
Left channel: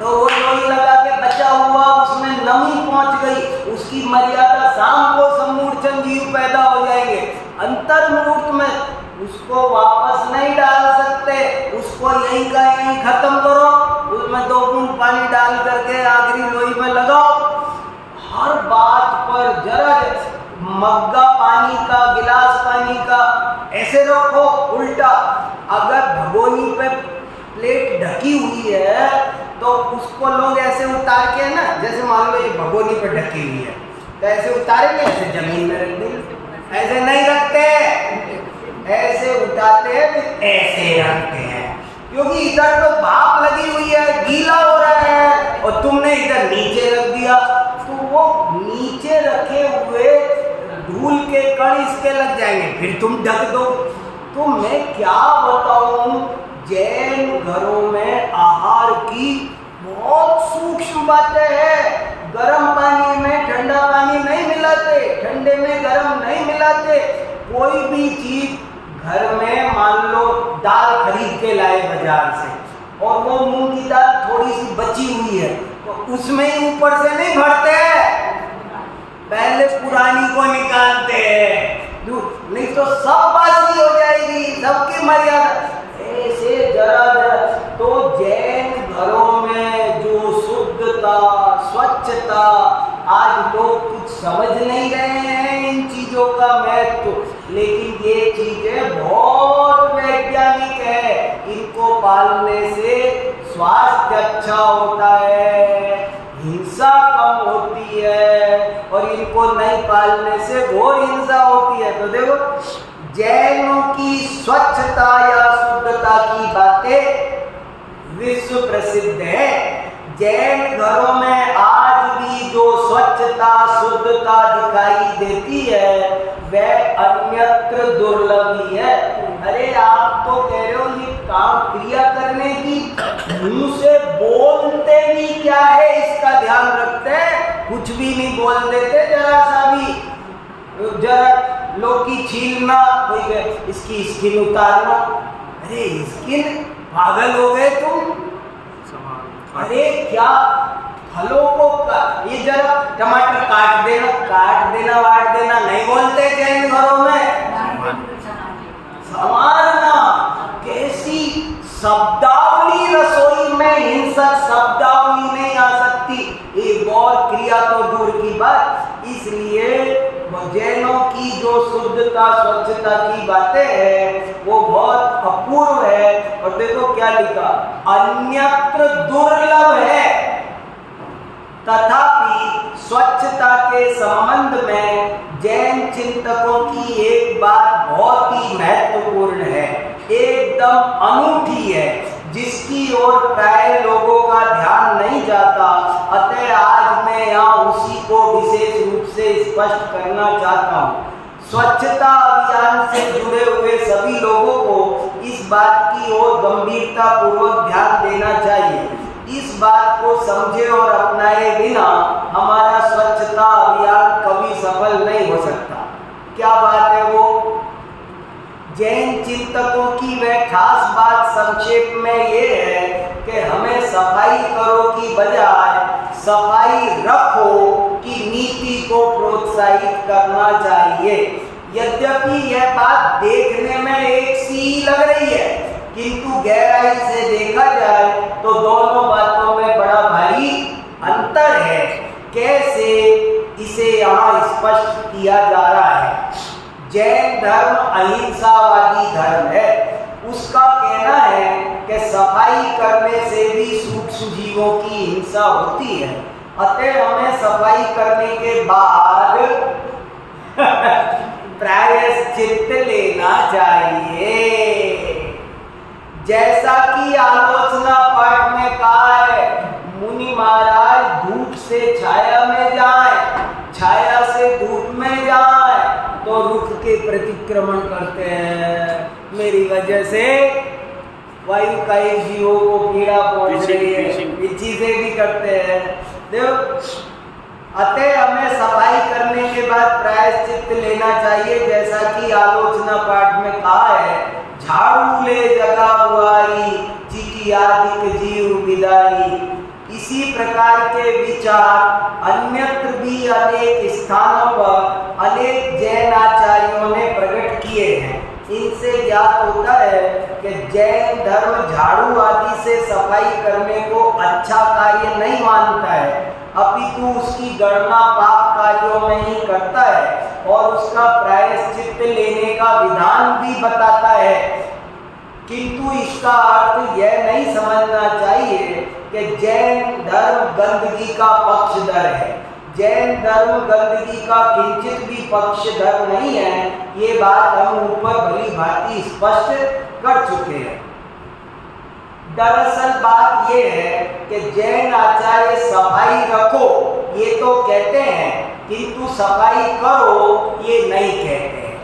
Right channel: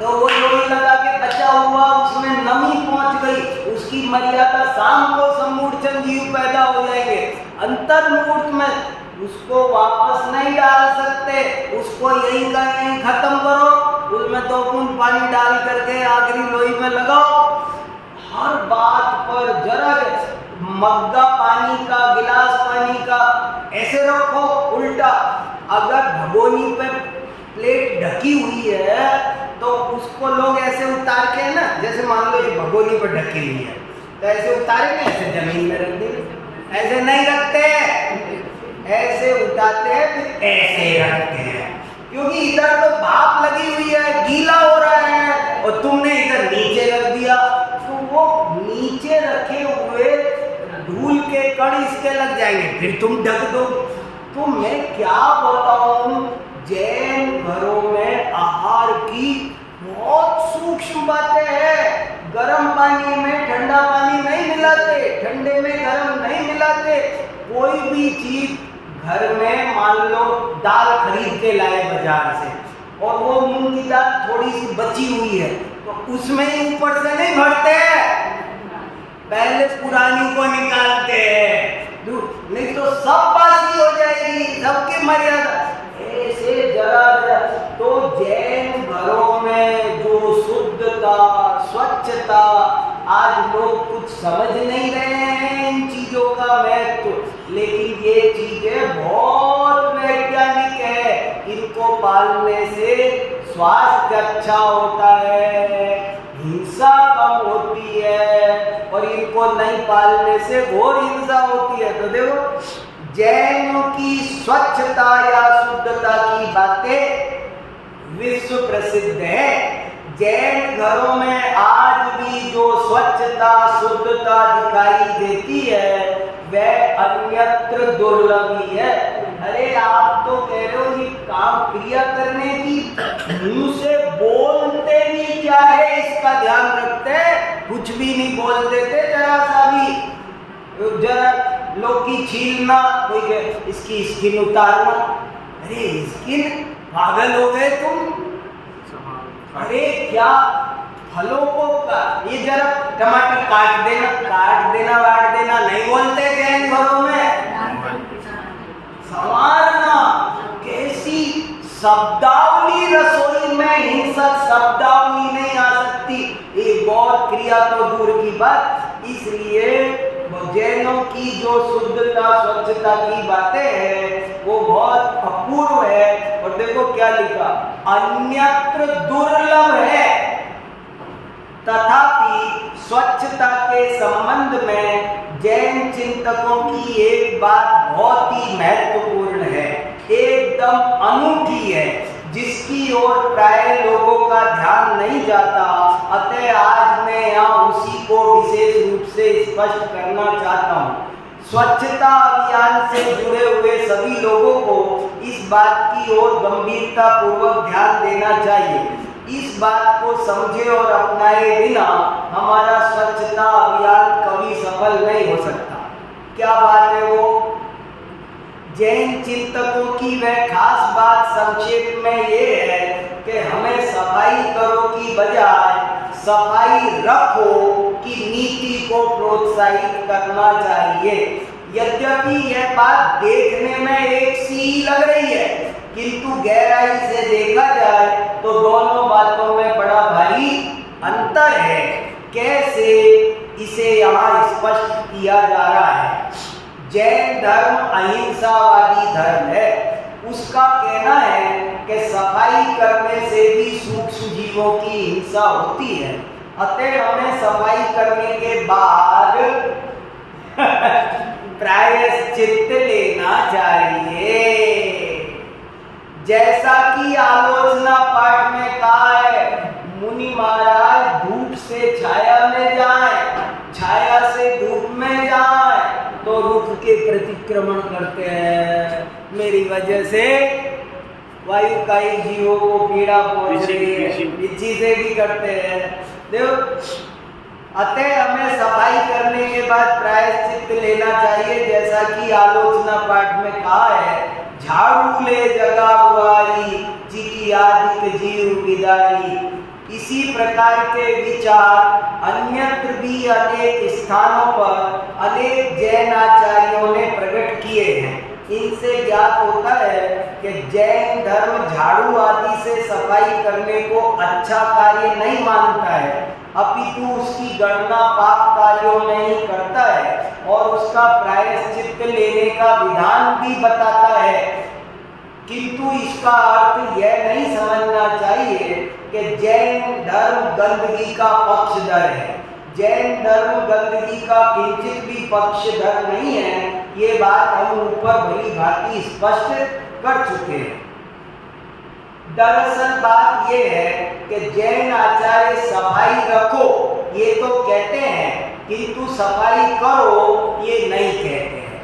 तो वो लोई लगा के बचा हुआ उसमें नमी पहुंच गई, उसकी मर्यादा शाम को सम्मूढ़ जीव पैदा हो जाएंगे। अंतर मुहूर्त में उसको वापस नहीं डाल सकते, उसको यहीं का यहीं खत्म करो, उसमें 2 बूंद पानी डाल करके आखिरी लोई में लगाओ। हर बात पर जरा मग्गा पानी का, गिलास पानी का ऐसे रखो उल्टा। अगर भगोनी पे प्लेट ढकी हुई है तो उसको लोग ऐसे उतार के ना, जैसे मान लो ये भगोनी पर ढकी हुई है तो ऐसे उतारेंगे, ऐसे जमीन में रख देंगे। ऐसे नहीं रखते, ऐसे उठाते हैं फिर ऐसे रखते हैं, क्योंकि इधर तो भाप लगी हुई है, गीला हो रहा है, और तुमने इधर नीचे रख दिया तो वो नीचे रखे हुए धूल के कण इसके लग जाएंगे, फिर तुम ढक दो। तो मैं क्या बताऊं, जैन घरों में आहार की बहुत सूक्ष्म बातें हैं। गर्म पानी में ठंडा पानी नहीं मिलाते, ठंडे में गर्म नहीं मिलाते। कोई भी चीज घर में, मान लो दाल खरीद के लाए बाजार से और वो मूंग की दाल थोड़ी सी बची हुई है तो उसमें ही ऊपर से नहीं भरते हैं, पहले पुरानी को निकालते हैं, नहीं तो सब बासी हो जाएगी, सबकी मर्यादा ऐसे जरा। तो जैन घरों में जो शुद्धता स्वच्छता, आज लोग कुछ समझ नहीं रहे हैं इन चीजों का महत्व, लेकिन ये चीजें बहुत वैज्ञानिक है। इनको पालने से स्वास्थ्य अच्छा होता है, हिंसा कम होती है, और इनको नहीं पालने से घोर हिंसा होती है। तो देखो जैनों की स्वच्छता या शुद्धता की बातें विश्व प्रसिद्ध है। जैन घरों में आज भी जो स्वच्छता शुद्धता दिखाई देती है वह अन्यत्र दुर्लभ ही है। अरे आप तो कह रहे हो ये काम क्रिया करने की, मुंह से बोलते भी क्या है इसका ध्यान रखते हैं, कुछ भी नहीं बोल देते, जरा सा भी, जरा लौकी छीलना, कोई इसकी स्किन उतारना, अरे स्किन, पागल हो गए तुम? अरे क्या फलों को ये जरा टमाटर काट देना वाट देना नहीं बोलते जैन घरों में। संवारना, कैसी शब्दावली, रसोई में हिंसक शब्दावली नहीं आ सकती, एक और क्रिया तो दूर की बात। इसलिए जैनों की जो शुद्धता स्वच्छता की बातें हैं वो बहुत अपूर्व है। और देखो क्या लिखा, अन्यत्र दुर्लभ है, तथापि स्वच्छता के संबंध में जैन चिंतकों की एक बात बहुत ही महत्वपूर्ण है, एकदम अनूठी है, जिसकी ओर प्राय लोगों का ध्यान नहीं जाता। अतः आज मैं यहाँ उसी को विशेष रूप से स्पष्ट करना चाहता हूँ। स्वच्छता अभियान से जुड़े हुए सभी लोगों को इस बात की ओर गंभीरता पूर्वक ध्यान देना चाहिए। इस बात को समझे और अपनाए बिना हमारा स्वच्छता अभियान कभी सफल नहीं हो सकता। क्या बात है वो? जैन चिंतकों की वह खास बात संक्षेप में ये है कि हमें सफाई करो की बजाय सफाई रखो की नीति को प्रोत्साहित करना चाहिए। यद्यपि यह बात देखने में एक सी लग रही है, किंतु गहराई से देखा जाए तो दोनों बातों में बड़ा भारी अंतर है। कैसे, इसे यहाँ स्पष्ट किया जा रहा है। जैन धर्म अहिंसावादी धर्म है। उसका कहना है कि सफाई करने से भी सूक्ष्म जीवों की हिंसा होती है, अतः हमें सफाई करने के बाद प्रायश्चित्त लेना चाहिए। जैसा कि आलोचना पाठ में कहा है, मुनि महाराज धूप से छाया में जाएं, छाया से धूप में जाएं तो रुख के प्रतिक्रमण करते हैं। मेरी वजह से वायु का एक जीवों को पीड़ा पहुंच रही है, ये चीजें भी करते हैं। देखो, अतः हमें सफाई करने के बाद प्रायश्चित्त लेना चाहिए, जैसा कि आलोचना पाठ में कहा है, झाड़ू ले जगा बुआरी, चिटियादिक जीव विदारी। इसी प्रकार के विचार अन्यत्र भी अनेक स्थानों पर अनेक जैन आचार्यों ने प्रकट किए हैं। इनसे ज्ञात होता है कि जैन धर्म झाड़ू आदि से सफाई करने को अच्छा कार्य नहीं मानता है, अपितु उसकी गणना पाप कार्यों में ही करता है और उसका प्रायश्चित्त लेने का विधान भी बताता है। किंतु इसका अर्थ यह नहीं समझना चाहिए कि जैन धर्म गंदगी का पक्षधर है। जैन धर्म गंदगी का किंचित भी पक्षधर नहीं है, ये बात हम ऊपर भली भांति स्पष्ट कर चुके हैं। दरअसल बात यह है कि जैन आचार्य सफाई रखो ये तो कहते हैं, किंतु सफाई करो ये नहीं कहते हैं।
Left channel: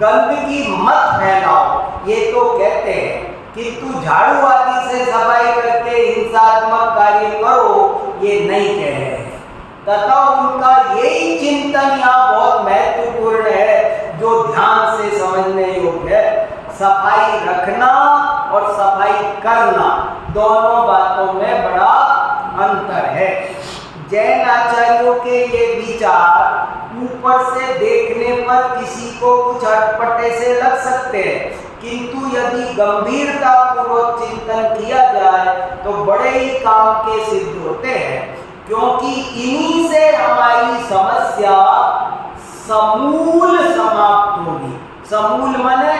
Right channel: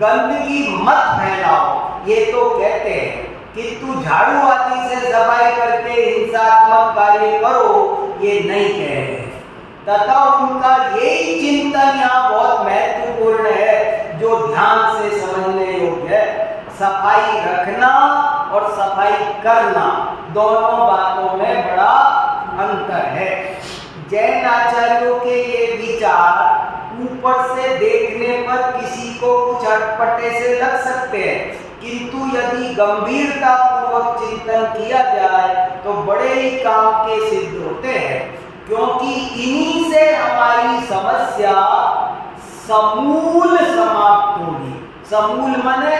गंदगी मत फैलाओ ये तो कहते हैं, किंतु झाड़ू आदि से सफाई करके हिंसात्मक कार्य करो ये नहीं कह रहे हैं। तथा उनका यही चिंतन यहाँ बहुत महत्वपूर्ण है, जो ध्यान से समझने योग्य है। सफाई रखना और सफाई करना दोनों बातों में बड़ा अंतर है। जैन आचार्यों के ये विचार ऊपर से देखने पर किसी को कुछ अटपटे से लग सकते हैं, किंतु यदि गंभीरता पूर्वक चिंतन किया जाए तो बड़े ही काम के सिद्ध होते हैं, क्योंकि इन्हीं से हमारी समस्या समूल समाप्त होगी। समूल माने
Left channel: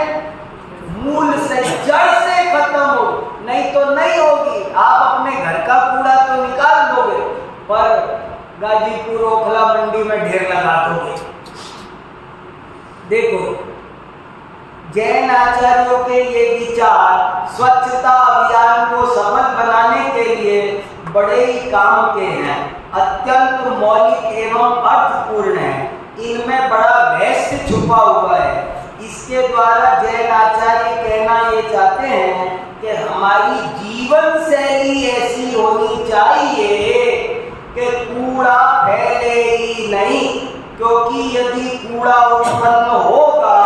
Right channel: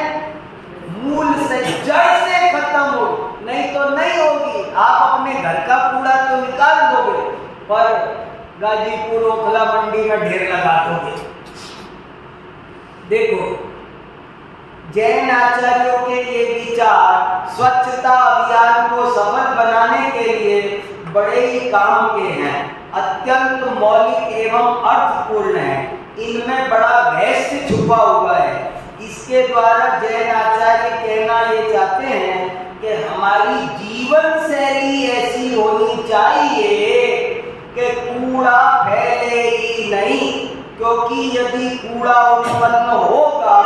मूल से, जड़ से खत्म हो, नहीं तो नहीं होगी। आप अपने घर का कूड़ा तो निकाल दोगे, पर गाजीपुर ओखला मंडी में ढेर लगा दोगे। देखो, जैन आचार्यों के ये विचार स्वच्छता अभियान को सफल बनाने के लिए बड़े ही काम के हैं, अत्यंत मौलिक एवं अर्थपूर्ण है। इनमें बड़ा रहस्य छुपा हुआ है। इसके द्वारा जैन आचार्य कहना ये चाहते हैं कि हमारी जीवन शैली ऐसी होनी चाहिए कि कूड़ा फैले ही नहीं, क्योंकि यदि कूड़ा उत्पन्न होगा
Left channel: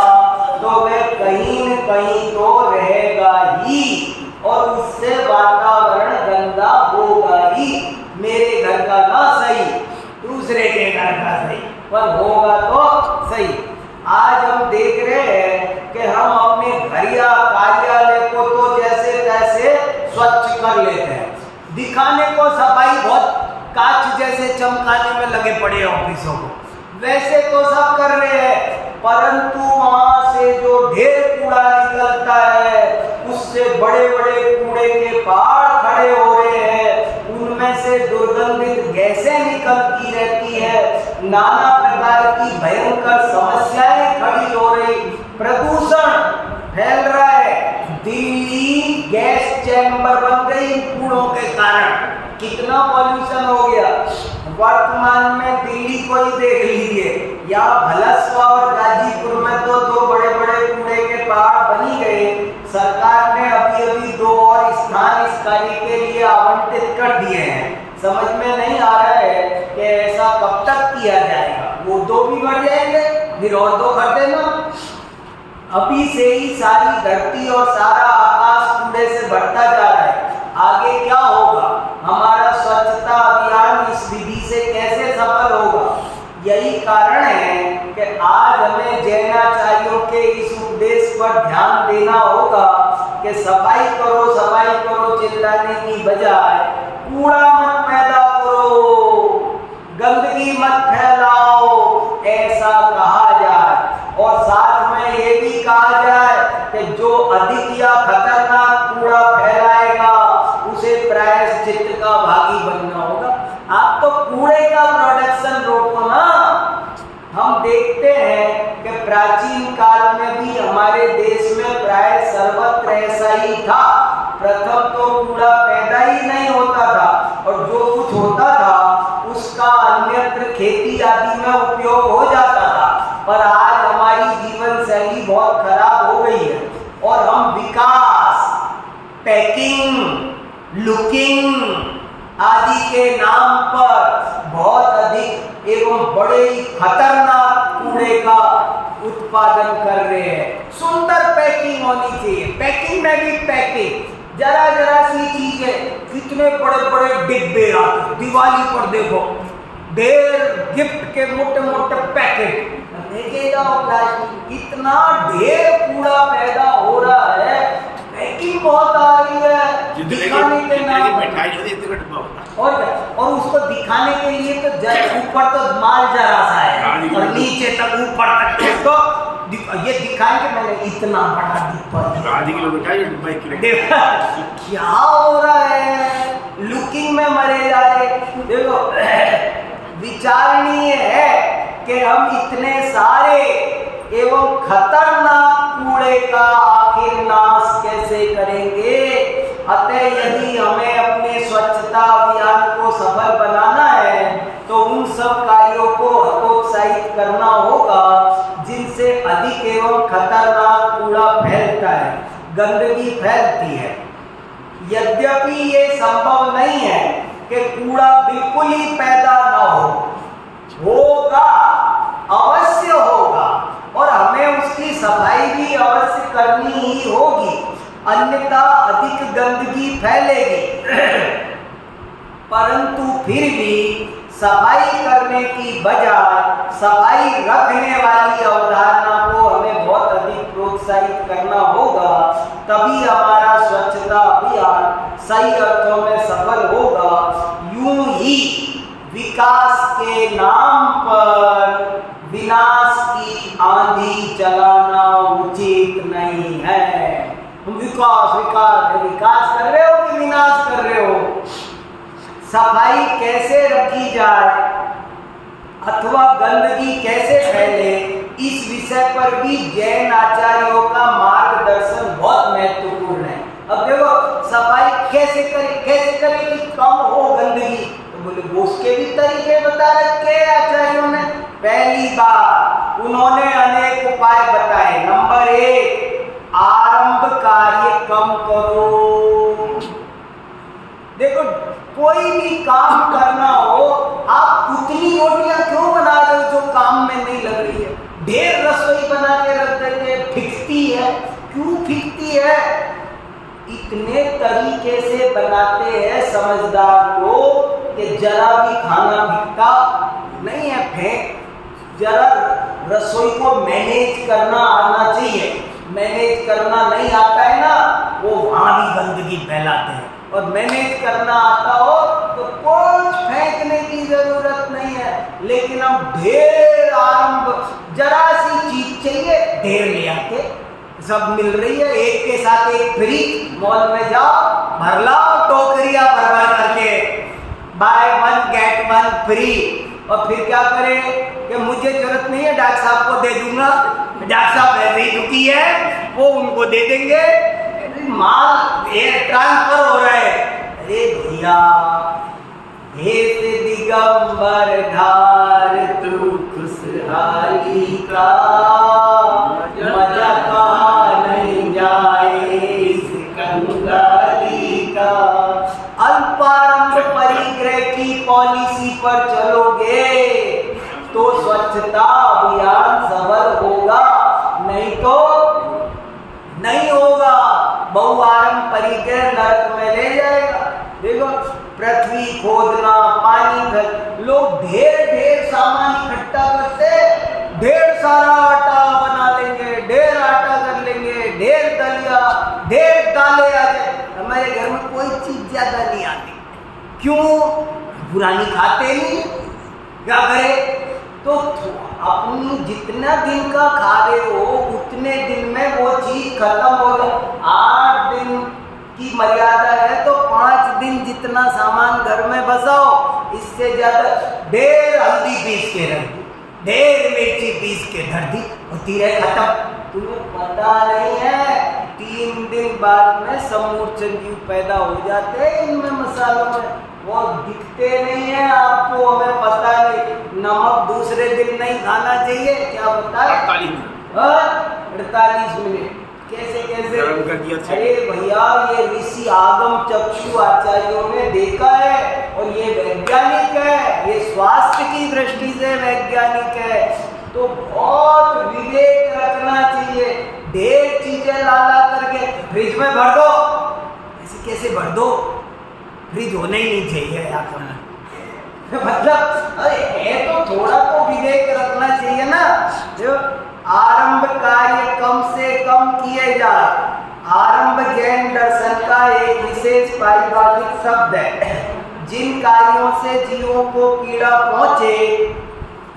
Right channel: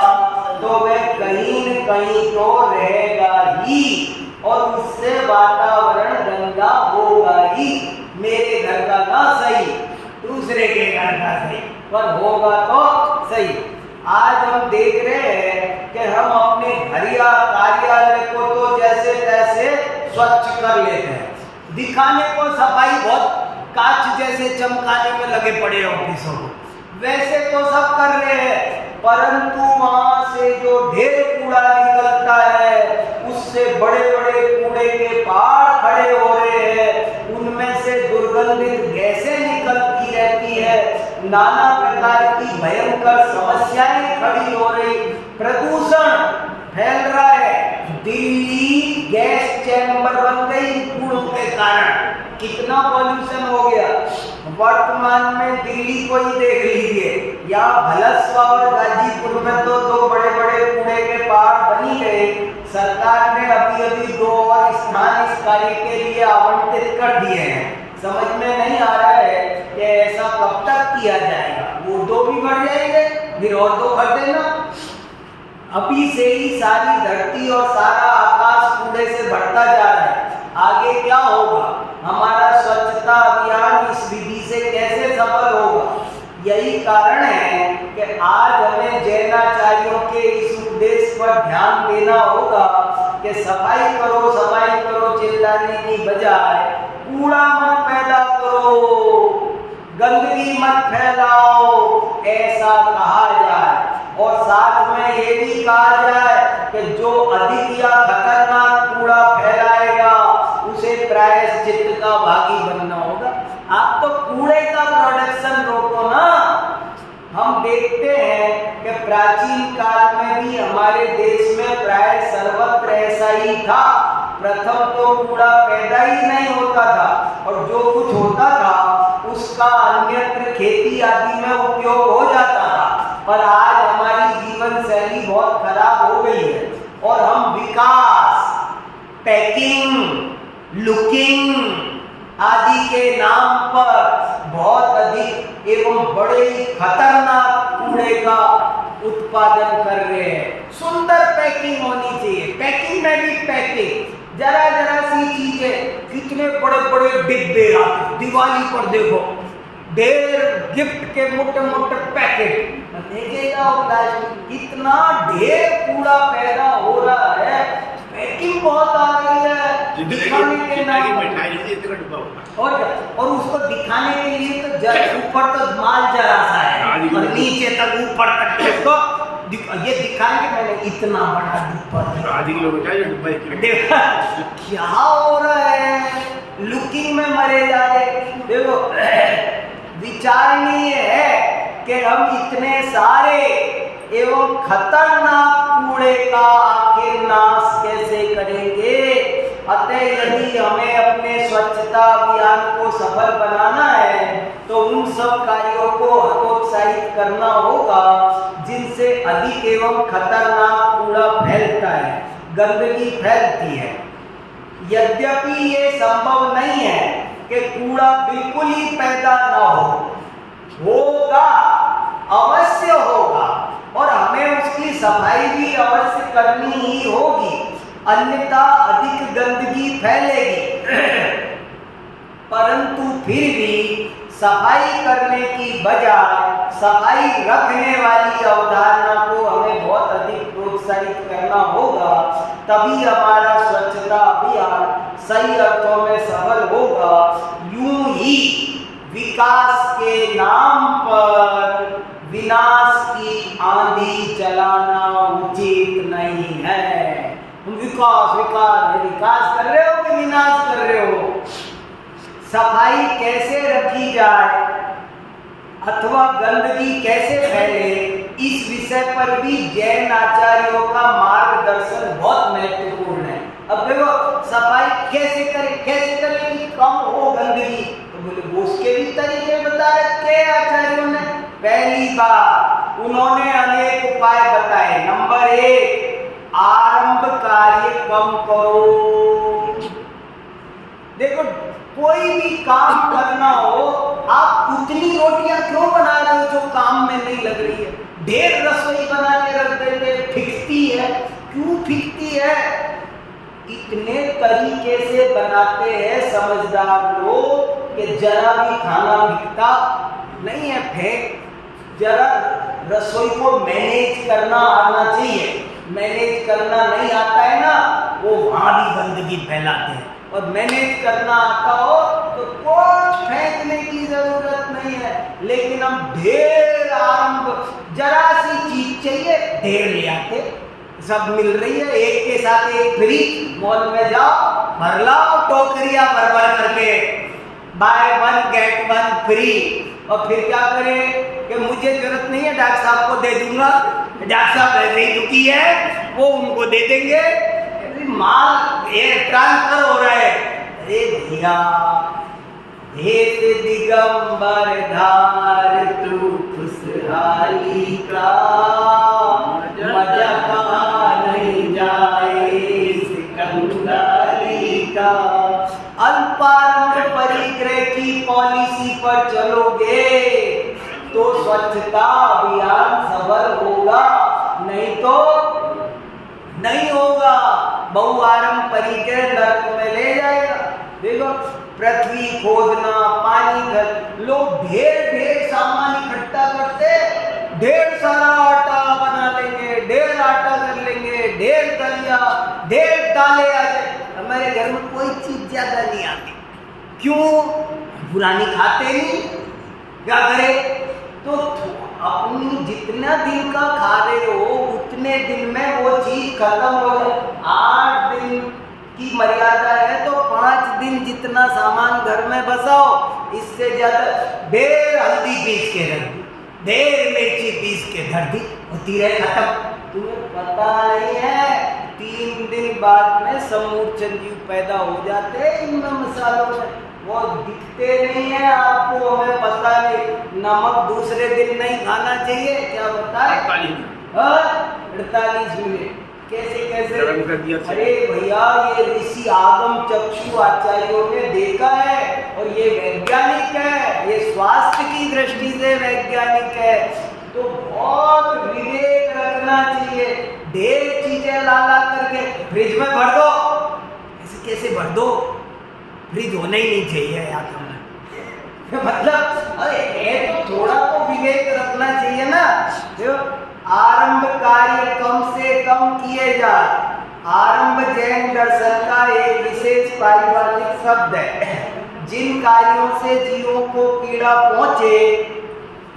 तो वह कहीं न कहीं तो रहेगा ही और उससे वातावरण गंदा होगा ही। मेरे घर का ना सही, दूसरे के घर का सही, पर होगा तो सही। आज हम देख रहे हैं कि हम अपने घर या कार्यालय को तो जैसे तैसे स्वच्छ कर लेते हैं, दिखाने को सफाई बहुत कांच जैसे चमकाने में लगे पड़े ऑफिसों को, वैसे तो सब कर रहे हैं, परंतु वहां से जो ढेर कूड़ा निकलता है उससे बड़े बड़े कूड़े के पहाड़ खड़े हो रहे हैं, उनमें से दुर्गंधित गैसें निकलती रहती है, नाना प्रकार की भयंकर समस्याएं खड़ी हो रही, प्रदूषण फैल रहा है। दिल्ली गैस चैम्बर बन गई कूड़ों के कारण, कितना पॉल्यूशन हो गया। वर्तमान में दिल्ली को ही देख लीजिए, यहाँ भलस्वा और गाजीपुर में तो दो बड़े बड़े कूड़े के पहाड़ बनी गए। सरकार ने अभी अभी 2 और स्थान इस कार्य के लिए आवंटित कर दिए हैं। समझ में नहीं आ रहा है कि ऐसा कब तक किया जाएगा। वो 2 भी बढ़ जाएंगे, फिर और 2 कर देना। अभी से ही सारी धरती और सारा आकाश कूड़े से भरता जा रहा है। आगे क्या होगा? हमारा स्वच्छता अभियान इस विधि से कैसे सफल होगा? यही कारण है कि आज हमें जैनाचार्यों के इस उपदेश पर ध्यान देना होगा कि सफाई करो चिल्लाने की बजाय कूड़ा मत पैदा करो, गंदगी मत फैलाओ, ऐसा कहा जाए। और साथ में ये भी कहा जाए कि जो अधिक या खतरनाक कूड़ा फैलाएगा उसे प्रायश्चित का भागी बनना होगा। आप तो कूड़े का प्रोडक्शन रोको ना। हम देखते हैं कि प्राचीन काल में भी हमारे देश में प्राय सर्वत्र ऐसा ही था। प्रथम तो कूड़ा पैदा ही नहीं होता था और जो कुछ होता था उसका अन्यत्र खेती आदि में उपयोग हो जाता था। पर आज हमारी जीवन शैली बहुत खराब हो गई है और हम विकास, पैकिंग, लुकिंग आदि के नाम पर बहुत अधिक एवं बड़े ही खतरनाक कूड़े का उत्पादन कर रहे हैं। सुंदर पैकिंग होनी चाहिए, पैकिंग में भी पैकिंग, जरा जरा सी चीजें, कितने बड़े बड़े डिब्बे आते। दिवाली पर देखो ढेर गिफ्ट के मोटे मोटे पैकेट लेके जाओ प्लास्टिक। कितना ढेर कूड़ा पैदा हो रहा है, पैकिंग बहुत आ रही है दिखाने के नाम और क्या। और उसको दिखाने के लिए तो ऊपर तो माल जरा सा है और नीचे तक ऊपर तक देखो ये दिखाएंगे मैंने इतना बड़ा डिब्बा क्या हो रहा है। लुकिंग में मरे जा रहे। देखो विचारणीय है कि हम इतने सारे एवं खतरनाक कूड़े का आखिर नाश कैसे करेंगे। अतः यदि हमें अपने स्वच्छता अभियान को सफल बनाना है तो उन सब कार्यों को हतोत्साहित करना होगा जिनसे अधिक एवं खतरनाक कूड़ा फैलता है, गंदगी फैलती है। यद्यपि ये संभव नहीं है कि कूड़ा बिल्कुल ही पैदा न होगा, अवश्य होगा और हमें उसकी सफाई भी अवश्य करनी ही होगी, अन्यथा अधिक गंदगी फैलेगी। परंतु फिर भी सफाई करने की बजाय सफाई रखने वाली अवधारणा को हमें बहुत अधिक प्रोत्साहित करना होगा, तभी हमारा स्वच्छता अभियान सही अर्थों में सफल होगा। यूं ही विकास के नाम पर विनाश की आंधी चलाना उचित नहीं है। तुम विकास कर रहे हो कि विनाश कर रहे हो? सफाई कैसे रखी जाए अथवा गंदगी कैसे फैले, इस विषय पर भी जैन आचार्यों का मार्गदर्शन बहुत महत्वपूर्ण है। अब देखो सफाई कैसे करें कि कम हो गंदगी, तो बोले वो उसके भी तरीके बता रखे आचार्यों ने। पहली बात उन्होंने अनेक उपाय बताए। नंबर 1, आरंभ कार्य कम करो। देखो कोई भी काम करना हो, आप उतनी रोटियां क्यों बना रहे हो जो काम में नहीं लग रही है? ढेर रसोई बना के रख देते, फिकती है। क्यों फिकती है? इतने तरीके से बनाते हैं समझदार लोग कि जरा भी खाना फिकता नहीं है, फेंक। जरा रसोई को मैनेज करना आना चाहिए। मैनेज करना नहीं आता है ना, वो वहां भी गंदगी फैलाते हैं। और मैनेज करना आता हो तो कुछ फेंकने की जरूरत नहीं है, लेकिन हम ढेर आरंभ, जरा सी चीज चाहिए ढेर ले आते। सब मिल रही है, एक के साथ एक फ्री। मॉल में जाओ, भर लाओ टोकरियां भर करके, बाय 1 गेट 1 फ्री। और फिर क्या करें कि मुझे जरूरत नहीं है, डॉक्टर साहब को दे दूंगा, डॉक्टर साहब ऐसे ही दुखी है, वो उनको दे देंगे, माल एयर ट्रांसफर हो रहा है। अरे भैया, भेष दिगंबर धार तू खुश थाली का मजा कहाँ नहीं जाए इस कंगाली का। अल्पारंभ परिग्रह की पॉलिसी पर चलोगे तो स्वच्छता अभियान सफल होगा, नहीं तो नहीं होगा। बहुआरंभ परिग्रह नरक में ले जाएगा। देखो, पृथ्वी खोदना, पानी भर, लोग ढेर ढेर सामान इकट्ठा करते, ढेर सारा आटा बना लेंगे, ढेर आटा कर लेंगे, ढेर दलिया, ढेर दालें आ जाए। हमारे घर में कोई चीज ज्यादा नहीं आती, क्यों? पुरानी खाते नहीं, क्या करें? तो अपनी जितना दिन का खा रहे हो उतने दिन में वो चीज खत्म हो गई। 8 दिन की मर्यादा है तो 5 दिन जितना सामान घर में बसाओ, इससे ज्यादा ढेर हल्दी पीस के रख दी, ढेर मिर्ची पीस के धर दी, होती रहे खत्म। तुम्हें पता नहीं है 3 दिन बाद में समूर्छन जीव पैदा हो जाते हैं इनमें मसालों में, वो दिखते नहीं है आपको, हमें पता नहीं। नमक दूसरे दिन नहीं खाना चाहिए, क्या बताए? 48 मिनट कैसे कैसे? अरे भैया, ये ऋषि आगम चक्षु आचार्यों ने देखा है और ये वैज्ञानिक है, ये स्वास्थ्य की दृष्टि से वैज्ञानिक है। तो बहुत विवेक रखना चाहिए। ढेर चीजें ला करके फ्रिज में भर दो, ऐसे कैसे भर दो? फ्रिज होना ही नहीं चाहिए यार मतलब अरे है तो थोड़ा तो विवेक रखना चाहिए ना। जो आरंभ कार्य कम से कम किए जाए। आरंभ जैन दर्शन का एक विशेष पारिभाषिक शब्द है। जिन कार्यों से जीवों को पीड़ा पहुंचे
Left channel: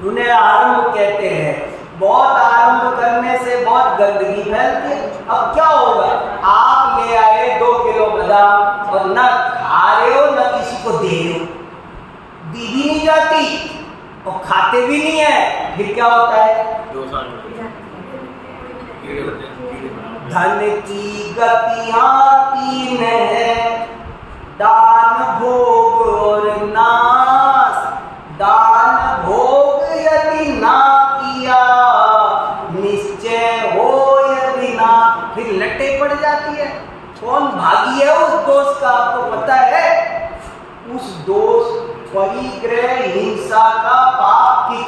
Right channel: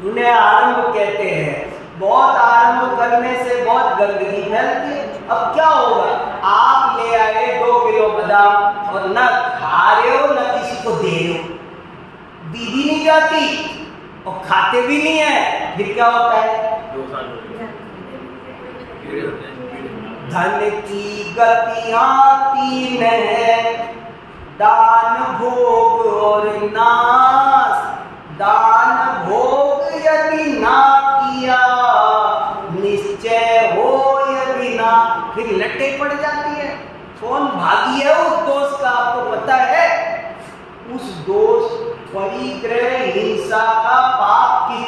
उन्हें आरंभ कहते हैं। बहुत आरंभ करने से बहुत गंदगी फैलती है। अब क्या होगा? आप ले आए 2 किलो बादाम और न खा रहे हो न किसी को दे रहे हो, भी नहीं जाती और खाते भी नहीं है, फिर क्या होता है? धन की गतियां 3 है, दान भोग और नाश। दान भोग यदि ना किया निश्चय हो यदि ना, फिर लटे पड़ जाती है। कौन भागी है उस दोष का? आपको पता है? उस दोष परिग्रह हिंसा का पाप की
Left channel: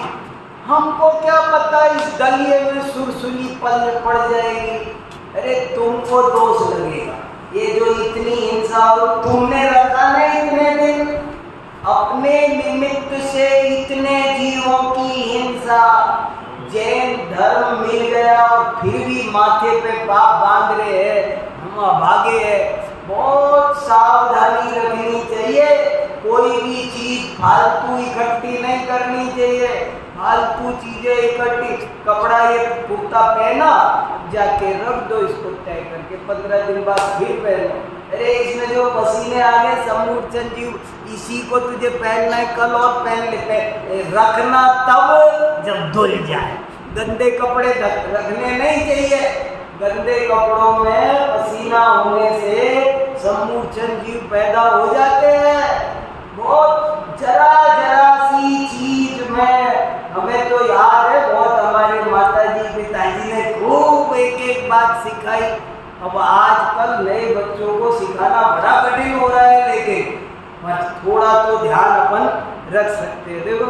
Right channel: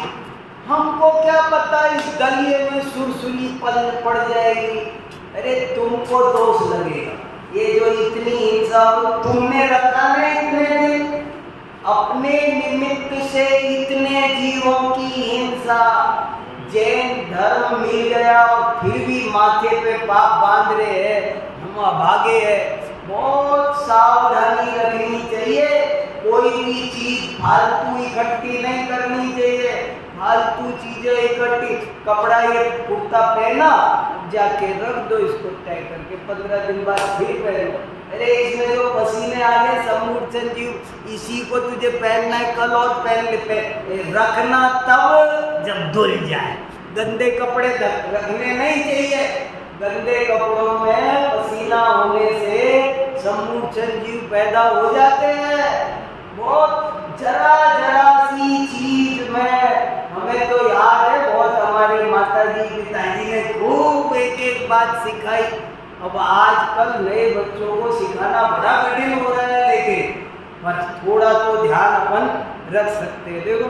हमको क्या पता इस दलिये में सुरसुली पड़ जाएगी। अरे तुमको दोष लगेगा, ये जो इतनी हिंसा हो तुमने रखा ना इतने दिन, अपने निमित्त से इतने जीवों की हिंसा। जैन धर्म मिल गया और फिर भी माथे पे पाप बांध रहे हैं, हम अभागे हैं। बहुत सावधानी रखनी चाहिए, कोई भी चीज फालतू इकट्ठी नहीं करनी चाहिए। फालतू चीजें इकट्ठी, कपड़ा ये कुर्ता पहना, जाके रख दो इसको तय करके, 15 दिन बाद फिर पहनो। अरे इसमें जो पसीने आ गए समूर्छन जीव, इसी को तुझे पहनना है, कल और पहन ले। रखना तब जब धुल जाए। गंदे कपड़े रखने नहीं चाहिए। गंदे कपड़ों में पसीना होने से समूर्छन जीव पैदा हो जाते हैं। बहुत जरा सी चीज में हमें तो याद है, बहुत हमारे माताजी पिताजी ने खूब एक बात सिखाई। अब आजकल नए बच्चों को सिखाना बड़ा कठिन हो रहा है, लेकिन पर थोड़ा तो ध्यान अपन रख सकते हैं। देखो,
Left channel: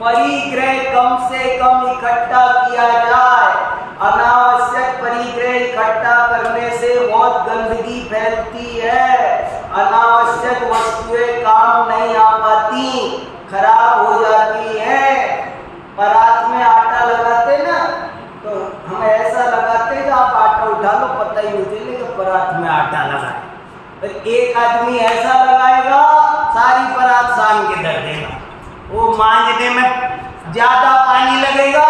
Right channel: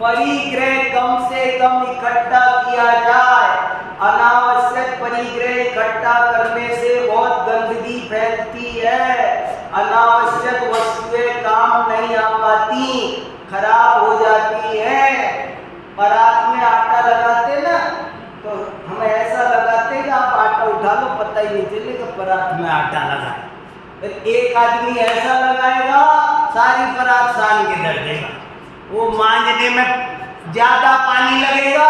परिग्रह कम से कम इकट्ठा किया जाए। अनावश्यक परिग्रह इकट्ठा करने से बहुत गंदगी फैलती है। अनावश्यक वस्तुएं काम नहीं आ पाती, खराब हो जाती है। परात में आटा लगाते ना, तो हम ऐसा लगाते कि आप आटा उठा लो, पता ही नहीं चलेगा परात में आटा लगाए। फिर एक आदमी ऐसा लगाएगा सारी परात सान के धर देगा, वो मांजने में ज्यादा पानी लगेगा।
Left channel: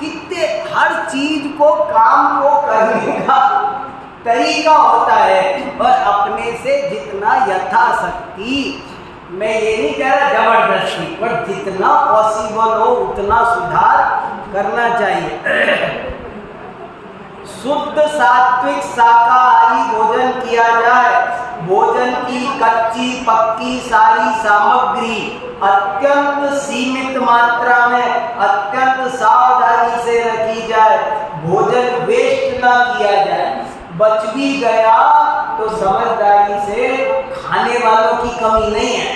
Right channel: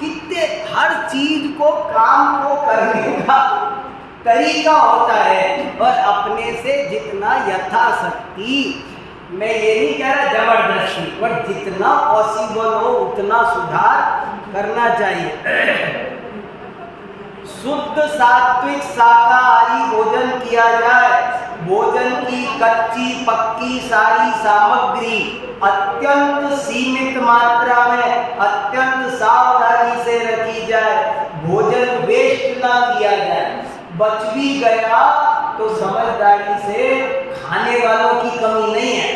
कितने हर चीज को काम को करने का तरीका होता है, और अपने से जितना यथाशक्ति, मैं ये नहीं कह रहा जबरदस्ती, पर जितना पॉसिबल हो उतना सुधार करना चाहिए। शुद्ध सात्विक शाकाहारी भोजन किया जाए। भोजन की कच्ची पक्की सारी सामग्री अत्यंत सीमित मात्रा में अत्यंत सावधानी से रखी जाए, भोजन वेस्ट ना किया जाए। बच भी गया तो समझदारी से खाने वालों की कमी नहीं है।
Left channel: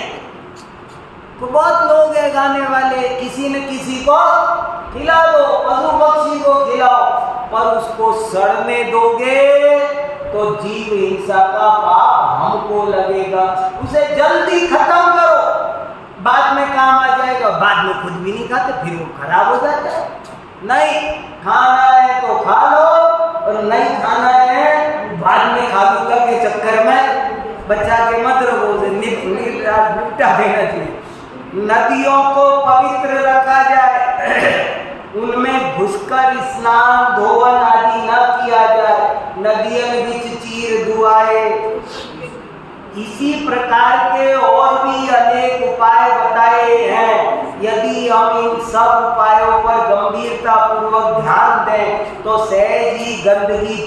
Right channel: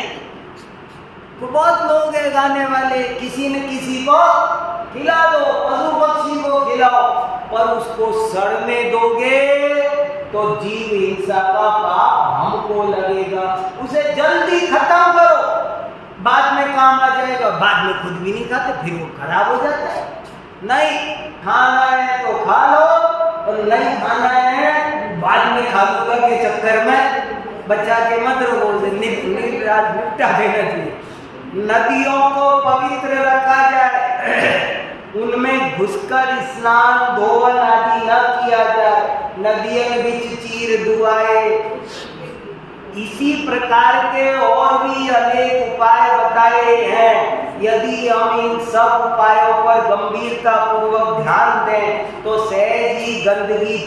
तो बहुत लोग हैं खाने वाले, किसी न किसी को खिला दो, पशु पक्षी को खिलाओ, पर उसको सड़ने दोगे तो जीव हिंसा का पाप हमको लगेगा। उसे जल्दी खत्म करो, बाद में काम आ जाएगा। बाद में खुद भी नहीं खाते, फिर वो खराब हो जाता है। नहीं खाना है तो खा लो, और नहीं खाना है बाद में खा लूंगा के चक्कर में बच्चा के मत रखो, उसे निपटा देना चाहिए। नदियों को पवित्र रखा जाए, उनमें घुसकर स्नान धोवन आदि न किया जाए, नदियों बिच चीर दुआए। इसी प्रकार के और भी अनेक उपाय बताए हैं। यदि हम इन सब उपायों पर गंभीरता पूर्वक ध्यान दें तो सहज ही गंदगी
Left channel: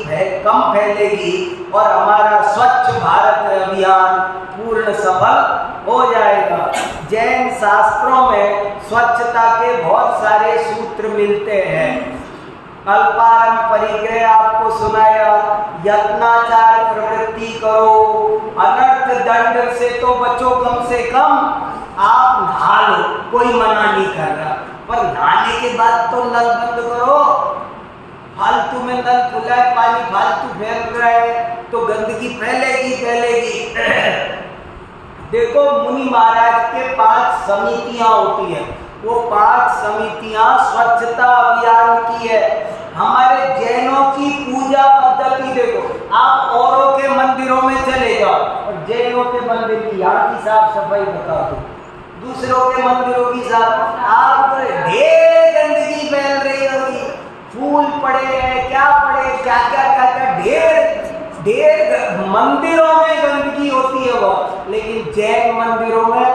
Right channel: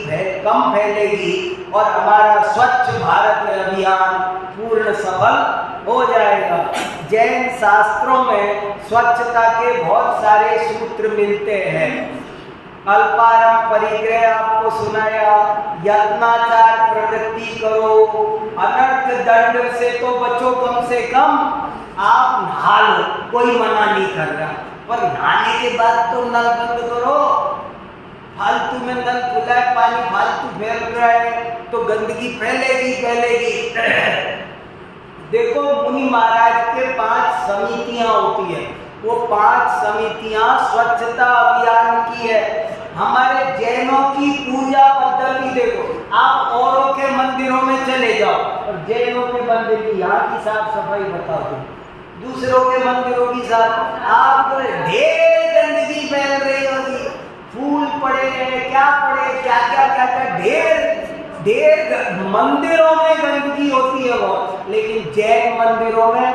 कम फैलेगी और हमारा स्वच्छ भारत अभियान पूर्ण सफल हो जाएगा। जैन शास्त्रों में स्वच्छता के बहुत सारे सूत्र मिलते हैं। अल्पारम परिग्रह आपको सुनाया, यत्नाचार प्रवृत्ति करो, अनर्थ दंड से तो बचो, कम से कम आप नहा लो, कोई मना नहीं कर रहा, पर नहाने के बाद तो नल बंद करो। फालतू में नल खुला है, पानी फालतू फैल रहा है तो गंदगी फैलेगी। देखो मुनि महाराज के 5 समितियां होती है, वो 5 समितियां स्वच्छता अभियान की है। हमारे जैनों की पूजा पद्धति देखो, आप औरों के मंदिरों में चले जाओ और जैनों के मंदिर की यहाँ की साफ सफाई बता दो, दूसरों के मंदिरों की साफ, आप ढेर गंदगी फैल रही होगी, फूल पड़े हैं, क्या पड़े, क्या ढेर मंदिरों में गंदगी होती है वो। लेकिन जैन मंदिरों में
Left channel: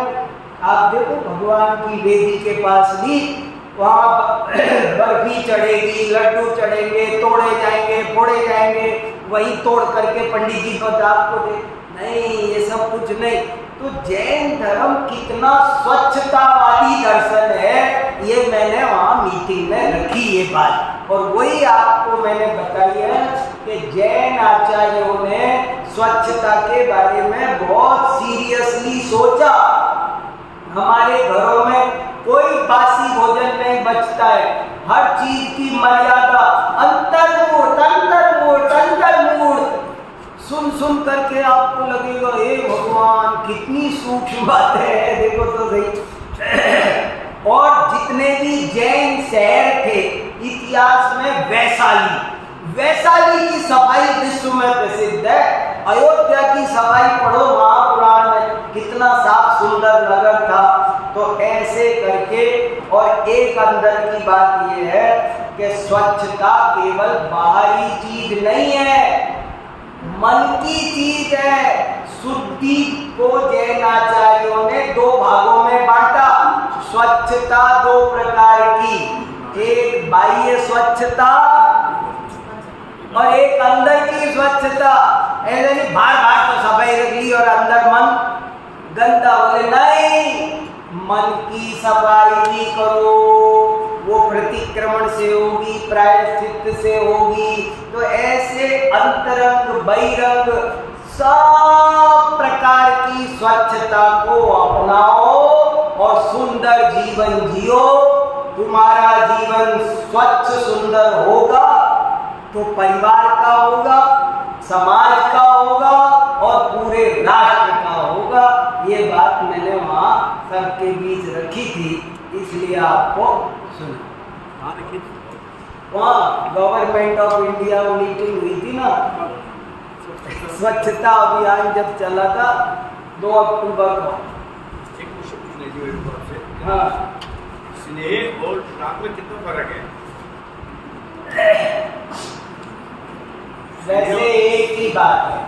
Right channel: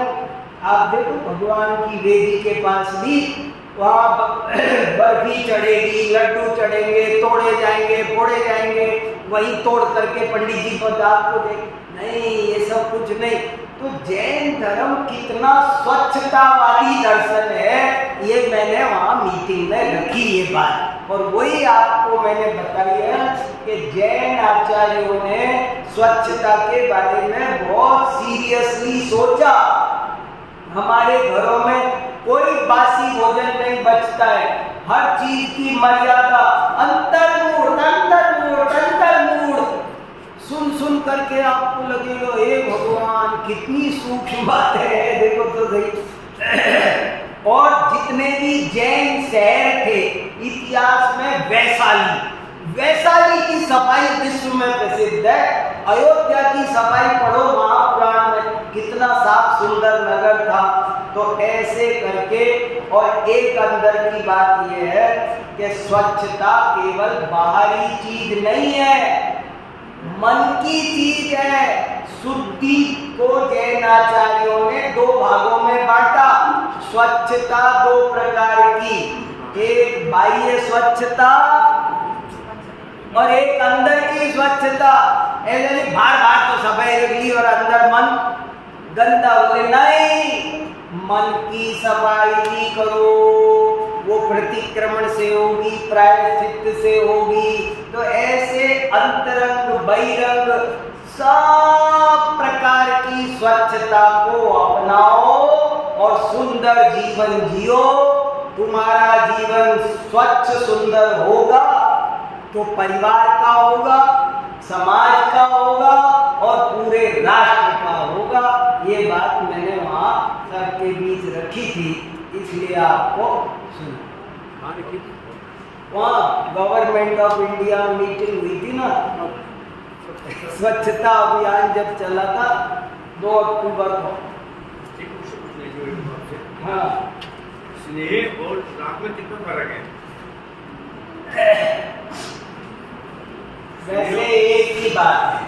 आप देखो, भगवान की वेदी के पास भी वहाँ बर्फी चढ़ेगी, लड्डू चढ़ेंगे, तोड़े जाएंगे, फोड़े जाएंगे, वही तोड़ करके पंडित जी को आपको दे। नहीं, ये सब कुछ नहीं। तो जैन धर्म कितना स्वच्छतावादी दर्शन है, ये मैंने वहाँ मीटिंग में रखी ये बात, और वही आपको मैंने बताई है कि जैन आचार्यों ने स्वच्छता के बारे में बहुत सीरियसली सोचा। हमारे घरों में कोई बासी भोजन नहीं बचता है, हर चीज की मर्यादा, अंतर्मूर्त सुन करके आपको लगेगा हे भगवान कितनी सूक्ष्म बात है, देखो तो सही। और जितने भी जैन शहर थे इतिहास में, वैशाली की सफाई विश्व में प्रसिद्ध है। अयोध्या की सफाई पढ़ो महापुराण में, कितना साफ सुंदर नगर था। तो ऐसे करके, और एक अंदर की बात यह है कि स्वच्छता केवल बाहरी चीज नहीं है, मन की चीज है। शुद्धि को जैन आचार्यों ने 2 भागों में बांटा। स्वच्छता 2 प्रकार की, एक बाह्य स्वच्छता और एक अंदर की स्वच्छता। ऐसे नहीं बाहर तो सफाई रख ली और अंदर मन गंदा, बोले नहीं, मन की सफाई भी करो, वो प्रतिक्रमण से होगी, प्रायश्चित से होगी। तो ऐसे अंतरंग बहिरंग सब प्रकार की स्वच्छता को अपनाओ और सुंदर जीवन जियो। तुम्हारा जीवन स्वच्छ सुंदर होगा तो परिवार का होगा, समाज का होगा और पूरे राष्ट्र का होगा। ये बात मैंने वहाँ सबके बीच रखी थी, इसलिए आपको सुना। वहाँ गवर्नमेंट ऑफ इंडिया मीटिंग हुई थी ना, स्वच्छता अभियान जब चला था 2 अक्टूबर को। हाँ, स्नेह और राग में कितना फर्क है? वैसे एक ही बात है।